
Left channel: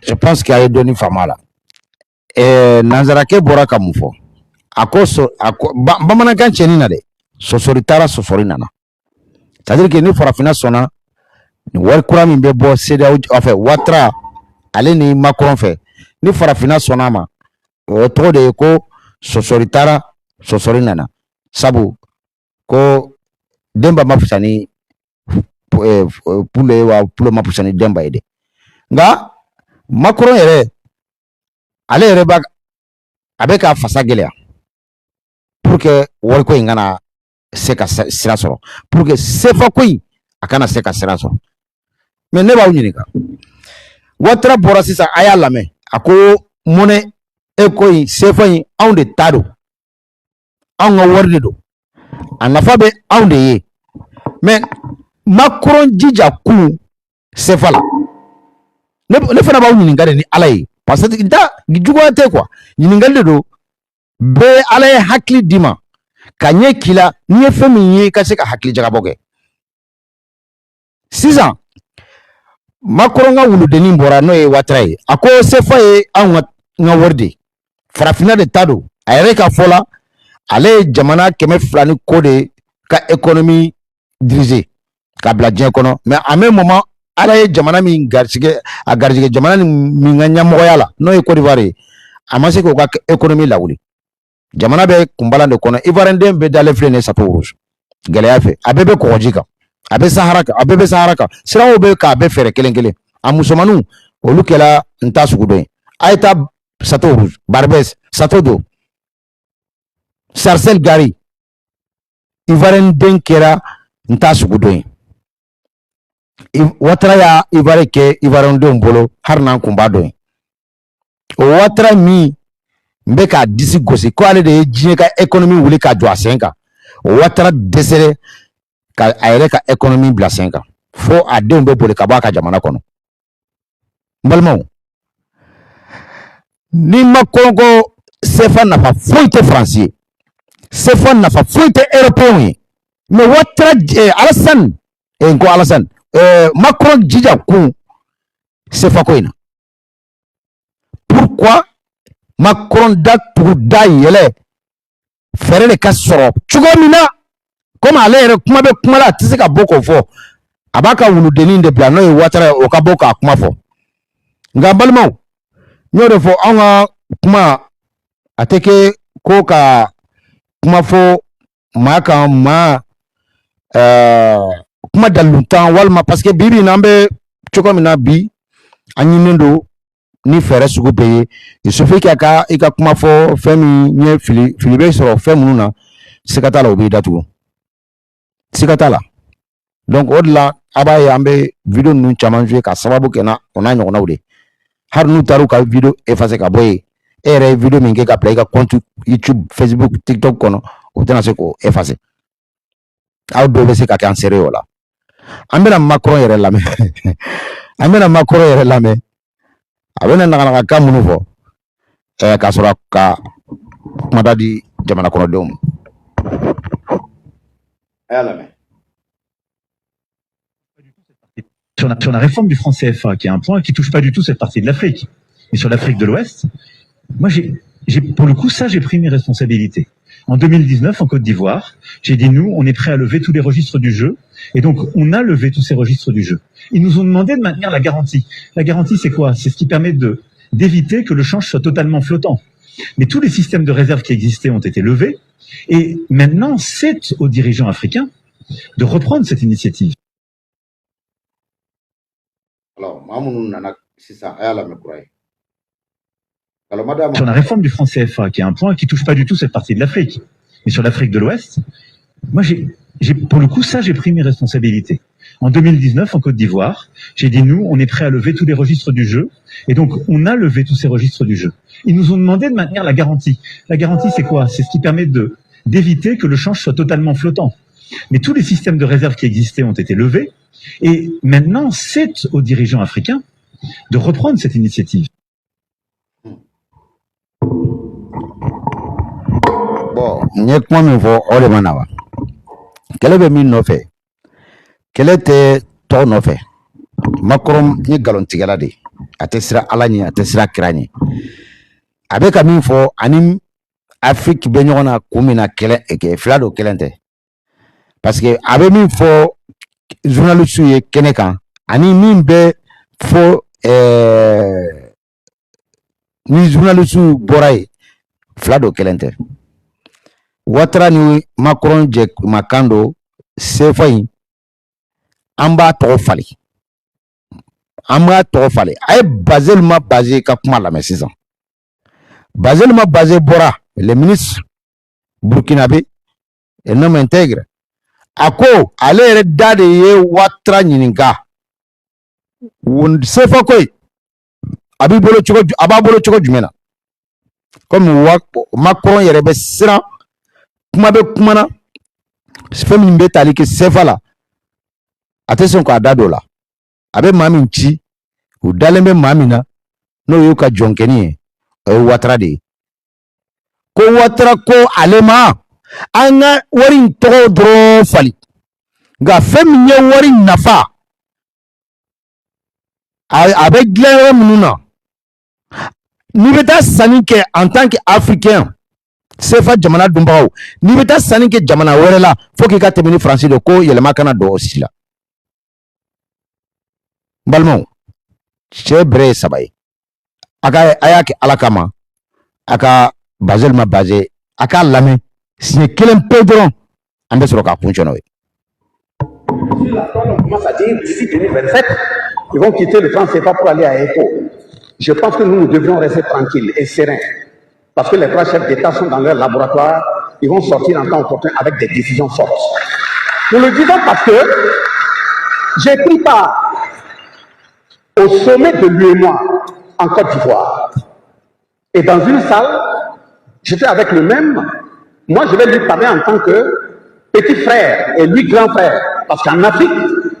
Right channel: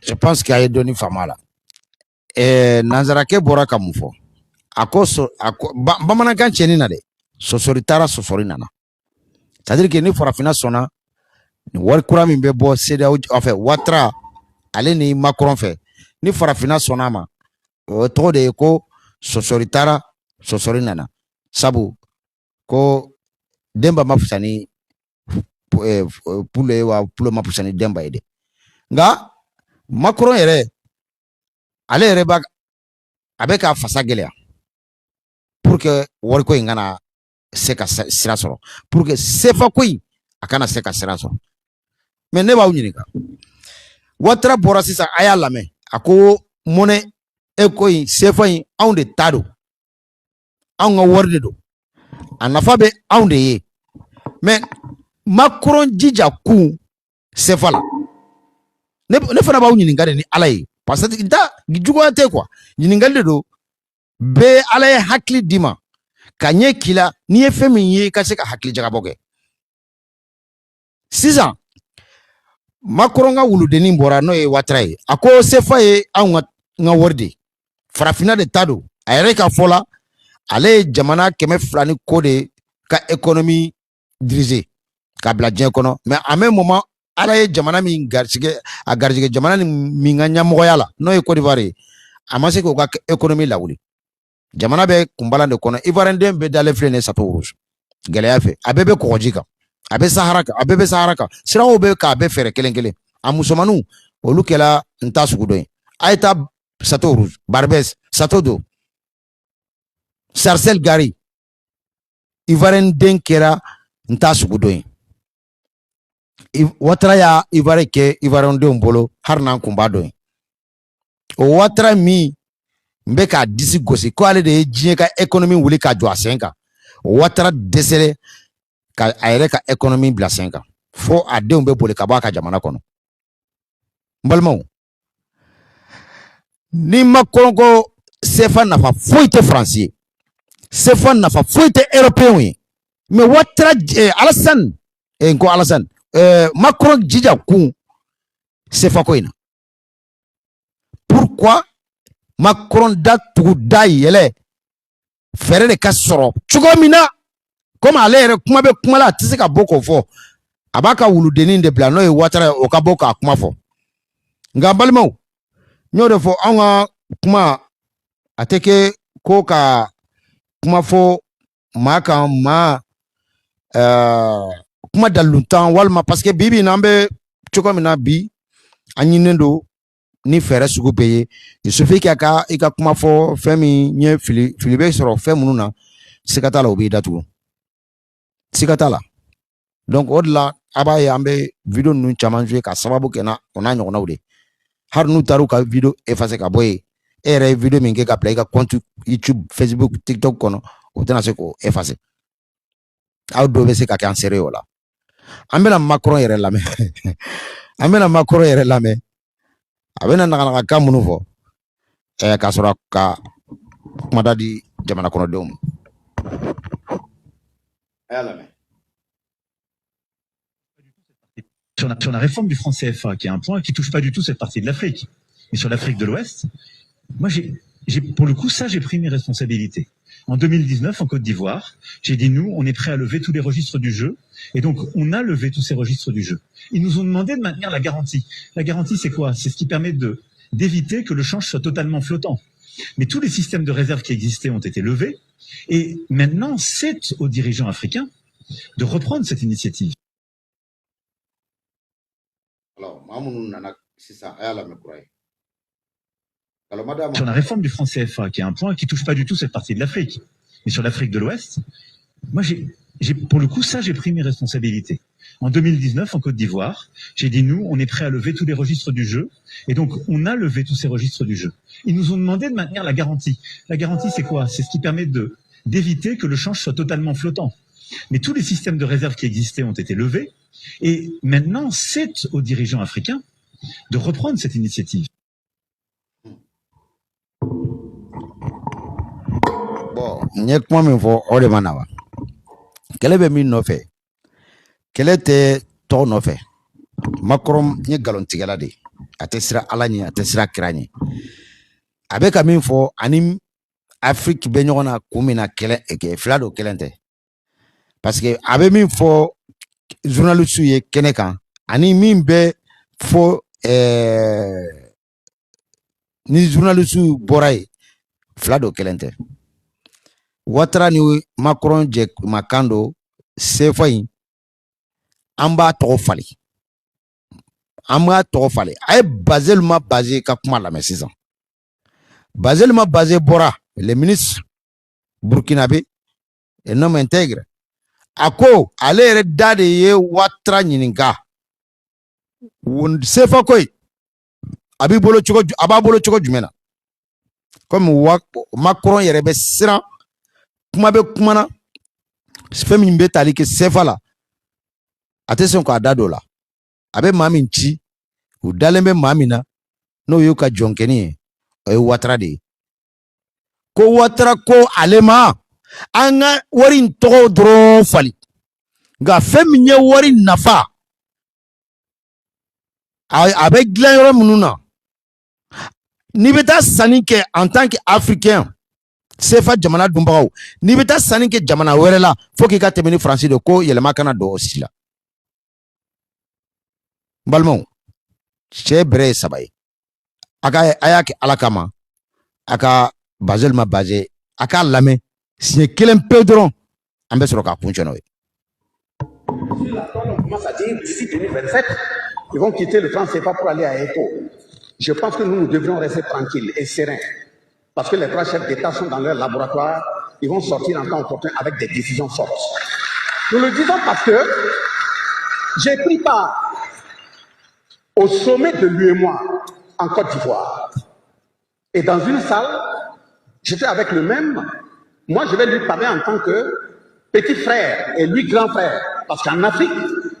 Je pense qu'il y a donné fama là. Et Nanzarake bora kamufo. Akoso bamanankan cheni na de. Sosoritara sosorinana. C'est-à-dire que ni farafina sona ni warkura min be bo CEDEAO enfin Ouattara ale ni Macron fait. Ni farafina sona ma to de ko sosoritara sosorinana. Sabu ko demba mafusani pule wa pule mafusani demba ede. Nga Macron yere ale yere ba avec a fasa gɛlɛya pour que wariko in kana se ka sira sɔrɔ pour que sefa ko in a kana se ka sira sɔrɔ mais ne b'aw ɲininka Ouattara bɔra sisan a y'a lamɛn a ko monnaie e ko in sefa in anw de ta don anw ka wari de don a nafa bɛ anw de ye mais Macron jija kun sefa la ne fana b'aw ɲininka de ni Ala ye parce que nta juguya tɛ quoi ɲininkali de don bɛɛ Ala ye hakili d'i ma ka ɲɛ k'i la n'i ye fɛn min ye i ka se ka hakili jagabɔ kɛ sisan Macron ka wuludennin bɔra n'o ye Ouattara ye a ko sefa ye anw ka wari de farafinna de ta don a yɛrɛ ka fɔ la ale ye jamana 200 ni ko de ka économie diriger ka bila diɲɛ kɔnɔ mais en même moment Ala ye jamana min garisɛgɛ a garisɛgɛ jamana min ka ɲɛmɔgɔya la n'o ye Côte d'Ivoire ye a ma se k'o ka économie lawuli jamana bɛ kunbalan de kɔnɔ Ivoirien den bɛ dalen filɛ nin ye chapeau rouge gɛlɛya fɛ a bɛɛ bɛ kɔgɔji kan a bɛ Sahara kan a bɛɛ bɛ Sahara kan siraw bɛ k'a bɛɛ fɛrɛ kelen kelen a musomaninw olu kɛla n ta sugu dɔ ye a ye taa chateau rouge Barbès Chateau d'eau Sarcelles Gari Ivoirien den kɛra n ta sugu dɔ ye Ouattara y'a Ivoire kɛ Ivoirien denw bolo hari n'an kun b'a dɔn ye o Ouattara min n bɛ k'a disi gosi ko ale de ye diɲɛ ka économie wuli ka jɔ a sen kan o Ouattara dɛsɛra ka a yɛrɛ ka économie bila sen kan fo a denw bɛ boli ka bɔ a ka jamana kɔnɔ n balimaw ni Macron ko CFA nafa foyi tɛ Faransi ye CFA nafa foyi tɛ européen ye mais Ouattara Alassane ko Alassane Macron jija kun CFA ko in na pourquoi Macron da tugu da yɛlɛ fɛrɛ de ka sɔrɔ cogo min na comme ale yɛrɛ kuma bɛ kuma la a tɛ se ka bɔ k'o fɔ a b'a ka wuludennin de bila n'o ye Ouattara ye o ka bɔ k'a kuma fɔ nka balimaw n y'o de fɔ anw ka kuma a tɛ kɛ ko ka kuma fɔ maa kan maa kuma dalilutan walima parce que bibi n'an bɛ cogo min na bi an ɲininen don ni fɛrɛ sugu bɛɛ ye il suffit que i ka kuma fɔ fɛn min ɲɛ fili bɛ sɔrɔ fɛn minnu na siga t'a la o b'i datugu siga t'a la donc o de la a b'a ye an bɛ video ninnu caman jouer ka sababu kɛ o n'a ɲɔgɔnnaw de hari n'u taara u ka video effacer ka bɔ yen e yɛrɛ ye video min kɛ ka bila i ka compte YouTube Facebook TikTok kɔnɔ o tɛna se k'o effacer aw dɔw bɛ se ka kɛ an seere o la an bɛna Macron yɛrɛ lamɛn an bɛna Macron yɛrɛ lamɛn a bɛna nagalaka minnu fɔ k'a sɔrɔ ka kumada di jamana kɔnɔdenw ma. Sur la réforme du franc CFA, qui est un point qui touche pas du tout cette partie de l'Afrique, mais sur l'Afrique de l'Ouest, moi pour le coup ça j'ai pris mes responsabilités. En 2019 en Côte d'Ivoire, j'ai dit nous on est prêt à lever tous les registres du jeu et donc on a levé tous ces registres du jeu. Ils nous ont demandé de maintenir la garantie. La garantie c'est quoi? C'est ce qui permet d'éviter que le change soit totalement flottant. Mais tous les systèmes de réserve qui existaient ont été levés et maintenant c'est aux dirigeants africains de reprendre cette initiative. Sur la réforme du franc CFA, qui est un point qui touche pas du tout cette partie de l'Afrique, mais sur l'Afrique de l'Ouest, moi pour le coup ça j'ai pris mes responsabilités. En 2019, en Côte d'Ivoire, j'ai dit, nous, on est prêt à lever tous les registres du jeu. Et donc, on a levé tous ces registres du jeu. Ils nous ont demandé de maintenir la garantie. La garantie, c'est quoi? C'est ce qui permet d'éviter que le change soit totalement flottant. Mais tous les systèmes de réserve qui existaient ont été levés. Et maintenant, c'est aux dirigeants africains de reprendre cette initiative. Bon, n'y a que moi, on va. Quel est le nom fait? Quel était ton nom fait? Macron, ni galontigala de. Atesra alani, atesra krani. Avec un info, anim Afrique benyona kumina kele eke flado kelente. Parce que avec min fo journaliste ye kenekan, ani min be fo ni journaliste boray flado kelente. Watra ni Macron je makando sefai amba to fali. Amba to fali. Ay Basel ma basé ka kuma la mais 6 ans. Basel ma basé Bora, le ministre burkinabé, un homme intègre. Ako, ale dade ye watra nyininga. Sefa koy. Ababolo choko jumena. Comme Macron yerebe sira, kuma be kumana, femi mbe tali ke sefa la. Attention ko adado la. Abe mami nchi, ou dalembe mami na, no yuka jonkeni watra de. Ko watra ko alema. Anga warin to dro fali ga femnya warin nafa avec glaire mununa ni beta sanike en tant qu'Africain c'est fa jamana dumbaw ni beta sanike jamana werela faut qu'il ka temini français de ko yelema kana do aussi la balmo c'est bre sabay aka ayaki alakama aka Basel ma basé aka lame c'est quel Pedro en baisse le capuchon. On commence à dire d'ici 2027, ils vont quitter le franc CFA pour aller à ECO. Je pense que nous devrions rester tranquilles et sereins. Parce que les trois chefs d'État sont dans leur laboratoire, ils vont sortir en temps opportun avec des décisions fortes. Nous le disons parce que j'ai pris part au sommet de l'UEMOA en Côte d'Ivoire. Et dans une salle, j'étais avec le même. Moi, je vais lui parler en tant que petit frère et lui grand frère. Parce qu'en Afrique,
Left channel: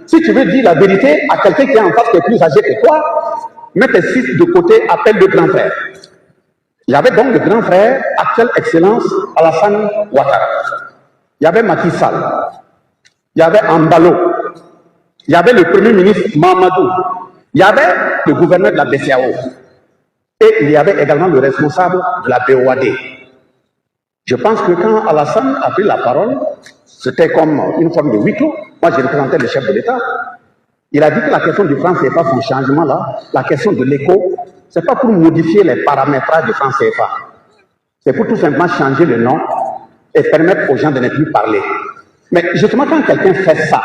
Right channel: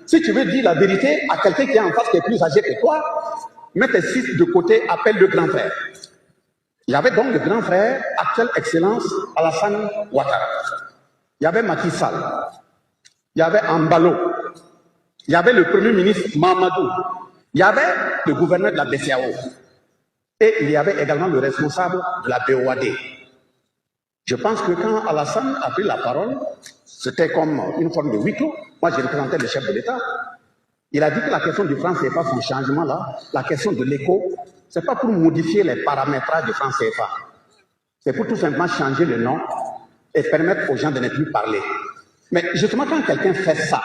si tu veux dire la vérité à quelqu'un qui est en face, qui est plus âgé que toi, mets tes fils de côté, appelle le grand frère. Il y avait donc le grand frère, actuelle excellence, Alassane Ouattara. Il y avait Macky Sall. Il y avait Ambalo. Il y avait le premier ministre Mamadou. Il y avait le gouverneur de la BCAO. Et il y avait également le responsable de la BOAD. Je pense que quand Alassane a pris la parole, c'était comme une forme de huis clos. Moi, j'ai représenté le chef de l'État. Il a dit que la question du franc CFA, son changement-là, la question de l'éco, ce n'est pas pour modifier les paramétrages du franc CFA. C'est pour tout simplement changer le nom et permettre aux gens de ne plus parler. Mais justement, quand quelqu'un fait ça,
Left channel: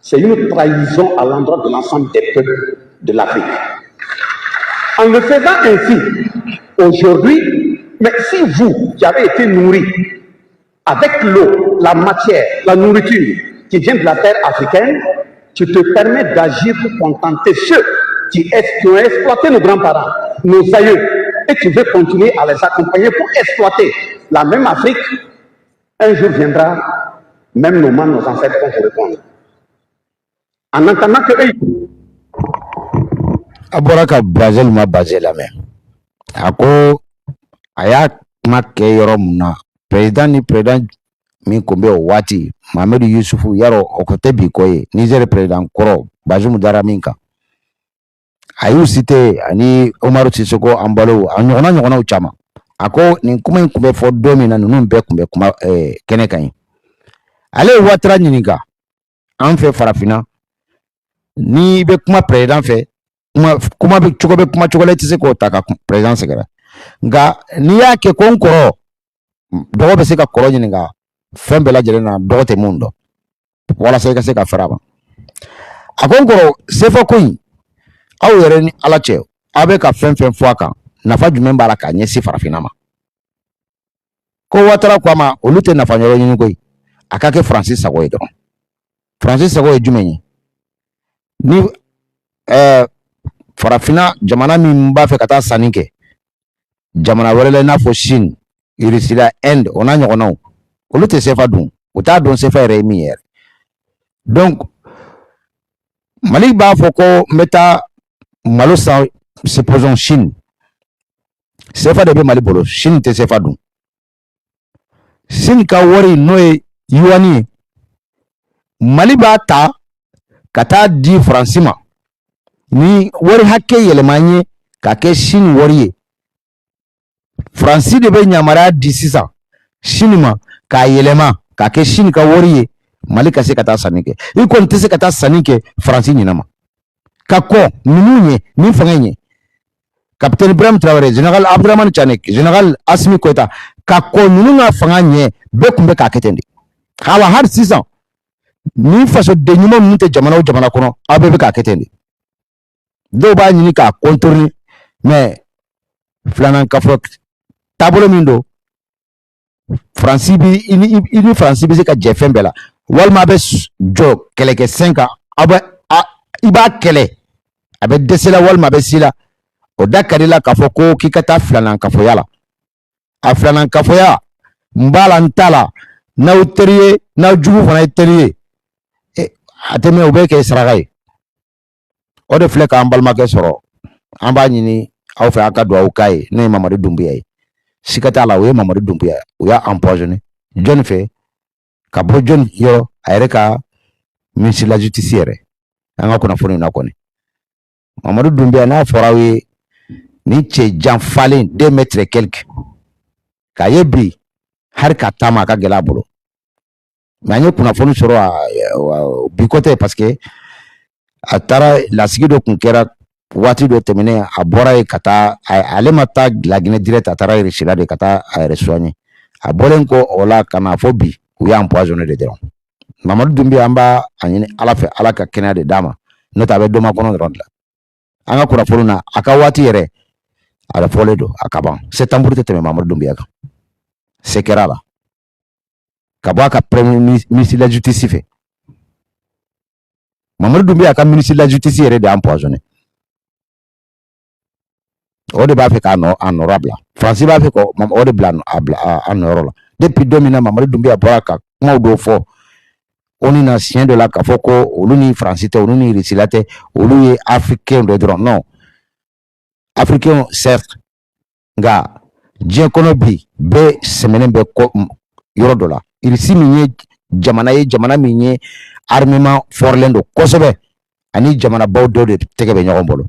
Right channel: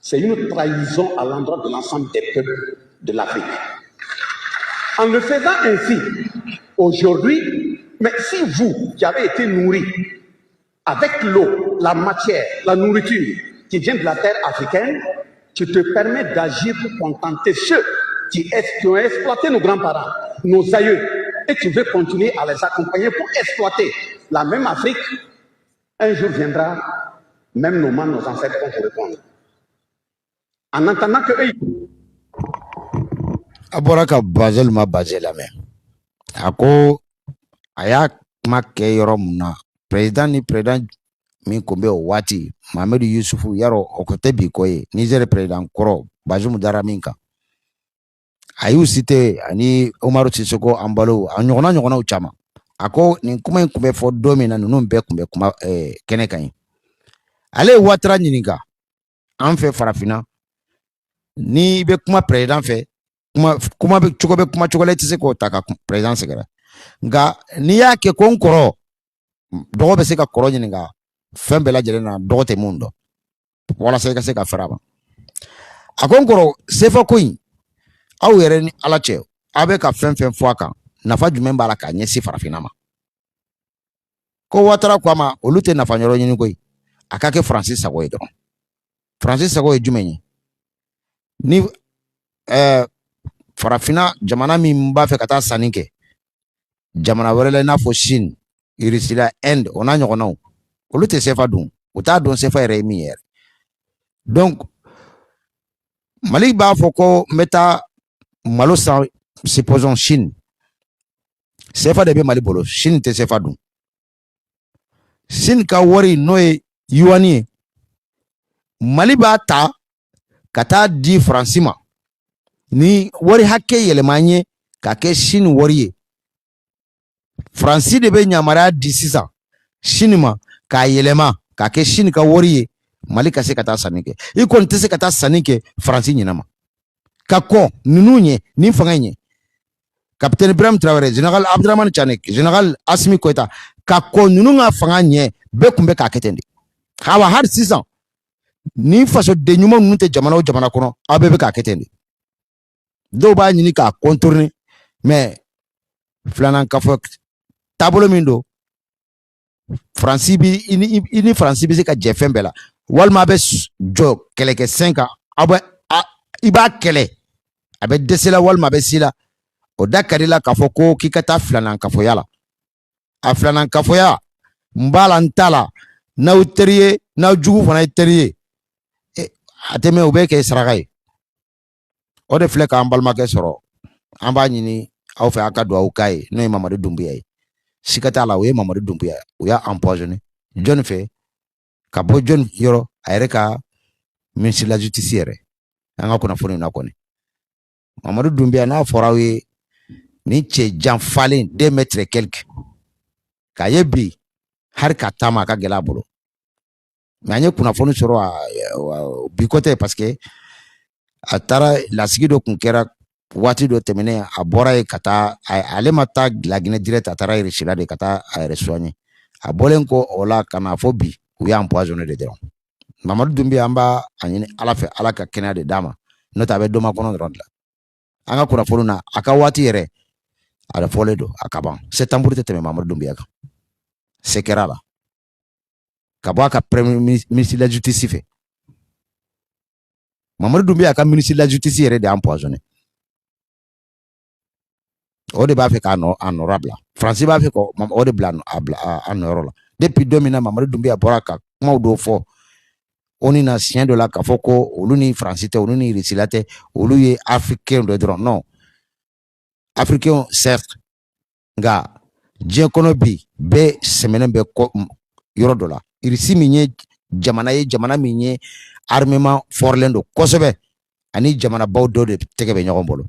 c'est une trahison à l'endroit de l'ensemble des peuples de l'Afrique. En le faisant ainsi, aujourd'hui, mais si vous, qui avez été nourris avec l'eau, la matière, la nourriture qui vient de la terre africaine, tu te permets d'agir pour contenter ceux qui ont exploité nos grands-parents, nos aïeux, et tu veux continuer à les accompagner pour exploiter la même Afrique, un jour viendra, même nos ancêtres vont vous répondre. En entendant que eux... Aboraka Basel ma basé la même. Ako aya make yoromna président ni président mi kombe wati Mamadou Youssoufu yaro okote bikoye Niger président koro Bazoum Daraminka ayu cité ani Omarou Sissoko Ambalo anyona uchama ako ni kuma kumbe fo domina nunu be kumbe kuma kene kan ale watra nyininga an fe farafina ni be kuma président fe kuma be chocolate se ko taka président sekera nga ni yake konkoro dogo be se ka koro nyininga fembe la jelena dogo te mundo wala se ka faraba akonkoro sefa kuin aw yere ni ala che abe ka fen fo aka nafa jumen bala ka nyesi farafina ma ko watara kwa ma olute nafa nyoro nyin koy akake Francis Sagoy do Francis Sagoy jumenyi ni farafina jamana min b'a fɛ ka taa sanni kɛ jamana wɛrɛ la i n'a fɔ Chine, Russie, Inde o n'a ɲɔgɔnnaw olu tɛ CFA dun u t'a dɔn CFA yɛrɛ ye min yɛrɛ donc Mali b'a fɔ ko n bɛ taa malo san supposons Chine CFA de bɛ Mali bolo Chine tɛ CFA dun Chine ka wari n'o ye yuan ye Mali b'a ta ka taa di Faransi ma ni wari hakɛ yɛlɛma ye ka kɛ Chine wari ye Faransi de bɛ yamaruya di sisan Chine ma k'a yɛlɛma k'a kɛ Chine ka wari ye Mali ka se ka taa sanni kɛ i kɔni tɛ se ka taa sanni kɛ Faransi ɲinɛ ma ka kɔ ninnu ye ni fanga ye Capitaine Ibrahim Traoré Général Abdourahmane Tiani Général Assimi Goïta ka kɔ ninnu ka fanga ɲɛ bɛɛ tun bɛ k'a kɛ ten de hali sisan ni fasoden ɲuman minnu tɛ jamana o jamana kɔnɔ aw bɛɛ bɛ k'a kɛ ten de dɔw b'a ɲini k'a contourner mais filanan kafo taabolo min don Faransi bi i ni Faransi bɛ se ka jɛ fɛn bɛɛ la walima a bɛ jɔ kɛlɛkɛfɛn kan i b'a kɛlɛ a bɛ dɛsɛ la walima a bɛ si la o da ka di la k'a fɔ ko k'i ka taa filanan kafoya la a filanan kafoya n b'a la n t'a la n'aw teri ye n'aw jugu fana ye teri ye a tɛ mɛn o bɛ kɛ saraka ye o de filɛ k'an balimakɛ sɔrɔ an b'a ɲini aw fɛ aw ka dugawu k'a ye n'o ye Mamadu Dunbiya ye siga t'a la o ye Mamadu Dunbiya ye o y'a empoisonné jɔnni fɛ ka bɔ jɔnni yɔrɔ a yɛrɛ ka ministre de la justice yɛrɛ an ka kunnafoni na kɔni Mamadu Dunbiya n'a fɔra aw ye ni cɛ janfalen 2 mètres quelque k'a ye bi hari ka taama a ka gɛlɛ a bolo mais an ye kunnafoni sɔrɔ bi kɔtɛ parce que a taara lasigi dɔ kun kɛra waati dɔ tɛmɛnen a bɔra ye ka taa ale ma taa Laginɛ direct a taara Russie la de ka taa a yɛrɛ soigner a bɔlen kɔ o la ka na fɔ bi u y'a empoisonné de dɔrɔn Mamadu Dunbiya an b'a ɲini Ala fɛ Ala ka kɛnɛya de d'a ma n'o tɛ a bɛ dɔ makɔnɔ dɔrɔn de la an ka kunnafoni na a ka waati yɛrɛ a fɔlen don a ka ban septembre tɛ tɛmɛ Mamadu Dunbiya kan se kɛra la ka bɔ a ka premier ministre de la justice fɛ Mamadu Dunbiya ka ministre de la justice yɛrɛ de y'a empoisonné o de b'a fɛ k'a nɔrɔ bila Faransi b'a fɛ o de bila a nɔrɔ la depuis don min na Mamadu Dunbiya bɔra ka kumaw dɔw fɔ o ni na siɲɛ dɔ la k'a fɔ ko olu ni Faransi tɛ olu ni Russie la tɛ olu ye africain dɔ dɔrɔn non africain certes nka diɲɛ kɔnɔ bi bɛɛ sɛmɛnen bɛ yɔrɔ dɔ la Russie min ye jamana min ye armement fɔrilen don kosɛbɛ ani jamanabaw dɔw de tɛgɛ bɛ ɲɔgɔn bolo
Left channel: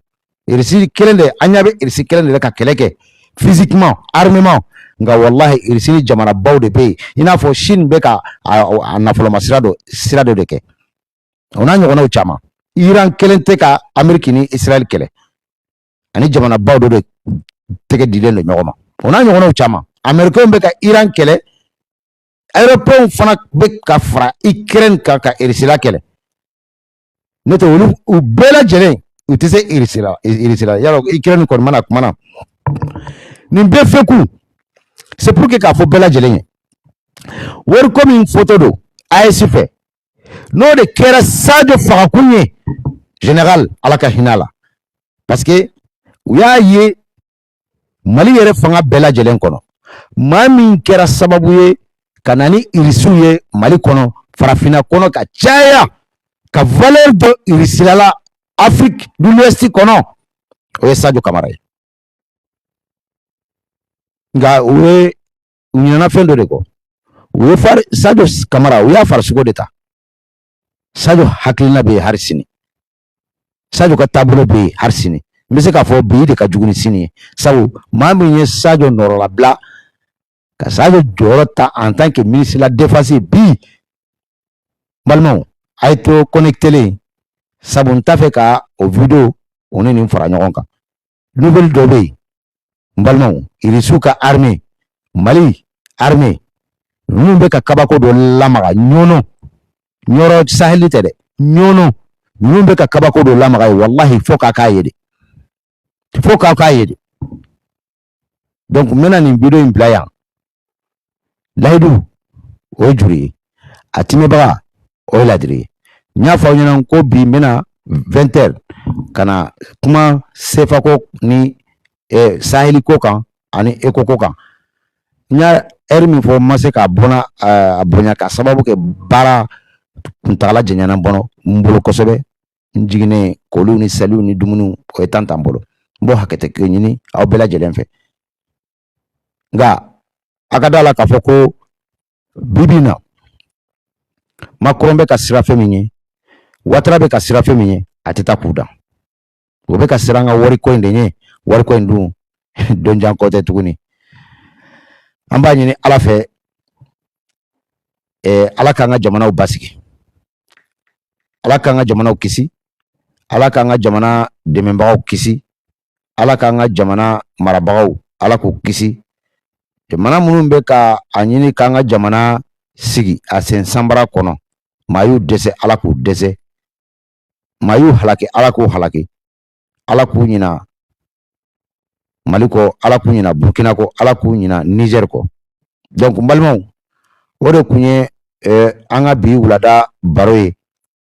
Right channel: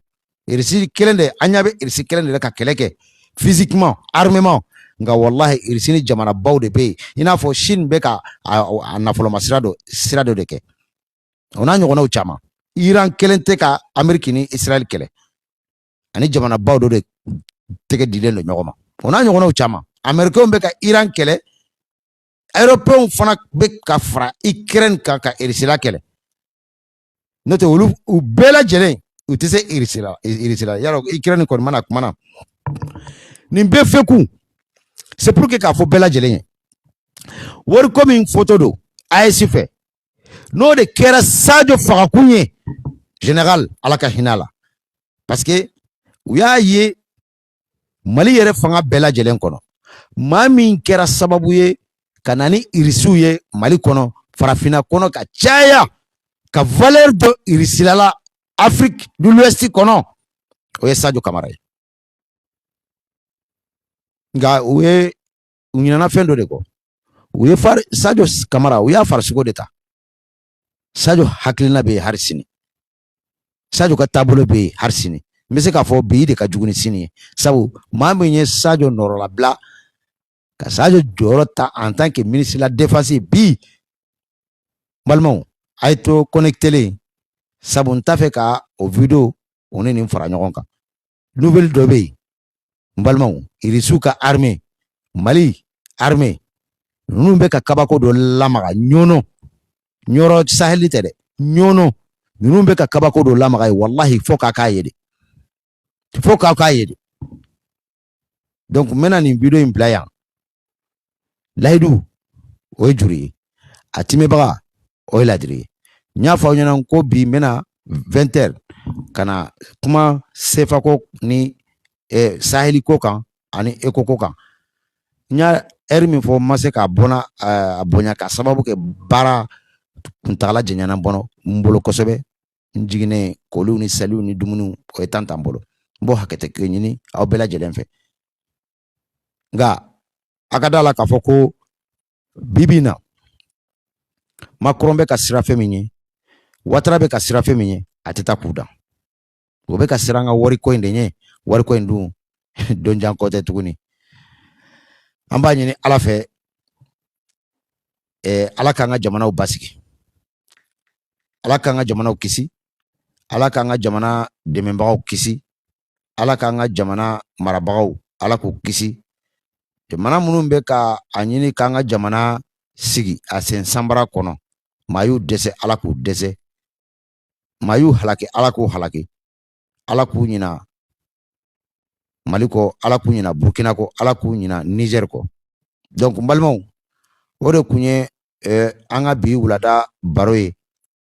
Russie kelen de an ɲa bɛ Russie kelen de ka kɛlɛ kɛ physiquement armement nka wallahi Russie ni jamanabaw de bɛ yen i n'a fɔ Chine bɛ ka a nafoloma sira dɔ de kɛ o n'a ɲɔgɔnnaw caman Iran kelen tɛ ka Amérique ni Israël kɛlɛ ani jamanabaw dɔ de tɛgɛ dilen don ɲɔgɔn ma o n'a ɲɔgɔnnaw caman Américains bɛ ka Iran kɛlɛ Européens fana bɛ ka fara Ukraine kan ka Russie la kɛlɛ n'o tɛ olu u bɛɛ lajɛlen u tɛ se Russie la yarɔ Ukraine kɔni mana kuma na nin bɛɛ fɛ kun c'est pour que k'a fɔ bɛɛ lajɛlen ye wariko min fɔtɔ don AES fɛ n'o de kɛra Sadio fagakun ye général Ala ka hinɛ a la parce que u y'a ye Mali yɛrɛ fanga bɛɛ lajɛlen kɔnɔ maa min kɛra sababu ye ka na ni Irisiw ye Mali kɔnɔ farafinna kɔnɔ ka caya ka valeur dɔ Irisilala Afrique de l'Ouest kɔnɔ o ye Sadio Kamara ye nka u ɲinɛna fɛn dɔ de kɔ u ye Sadio Kamara u y'a farisogo de ta Sadio hakilina bɛ yen hali sini Sadio ka taabolo bɛ yen hali sini n bɛ se k'a fɔ bi de ka jugu ni sini ye sabu maa min ye Sadio nɔrɔlabila ka Sadio jɔyɔrɔ ta en tant que ministre de la défense bi balimaw a ye to connecté sabu n t'a fɛ ka o vidéo o ni nin fara ɲɔgɔn kan nouvelle dɔ bɛ yen n balimaw Irisiw ka armée Mali armée ninnu bɛ ka kabako dɔ lamaga ɲɔnɔ Sahel tɛ dɛ ɲɔnɔ ninnu bɛ ka kabako dɔ lamaga ye wallahi fo k'a k'a ye de donc n bɛna nin vidéo in bila yan layidu o ye juru ye a timɛbaga o ye ladiri ye n y'a fɔ aw ɲɛna ko bi n bɛna 20h kana kuma sefa ko ni saheli ko kan ani eko ko kan nya min fo mase ka bona abonya ka sababu ke bara kuntala jenyana bono mbolo kosobe njigine kolu ni salu ni dumunu ko etanta mbolo mbo hakete ke nyini aw bela jelen fe nga akadala ka foko bibina Macron be ka sira fe minye Ouattara be ka sira fe minye atita kuda o be ka sira nga wari ko ndenye wari ko ndu donjan kote tuguni amba nyini ala fe ala ka nga jamana basiki ala ka nga jamana kisi ala ka nga jamana demembagaw kisi ala ka nga jamana marabagaw ala ko kisi jamana munun be ka anyini ka nga jamana sigi asen sambara kono mayu dese ala ko dese mayu halaki ala ko halaki ala ko nyina maliko ala ko nyina burkina ko ala ko nyina niger ko donc mbalmo wode kunye anga bi wulada baroye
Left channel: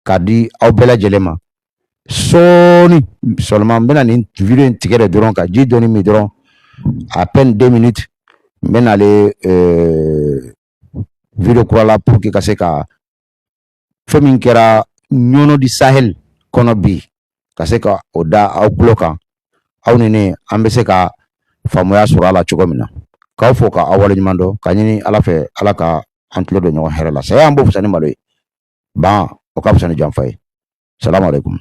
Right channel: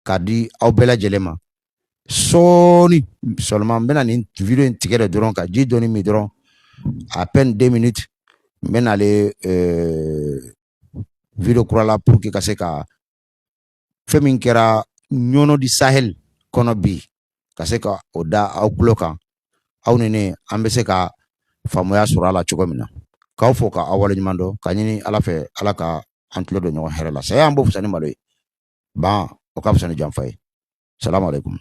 kadi aw bela jelema soni seulement bena ni video tigere doron ka ji doni mi doron à peine 2 minutes bena le video kurala pour que kaseka femin kera nyono di sahel kono bi kaseka oda aw bloka aw nene ambese ka famoya surala chogomina ka fo ka awale nyimando kanyini ala fe ala ka antlo do nyon herala saya ambo fusani maloy ba o ka fusani jamfay salam alaikum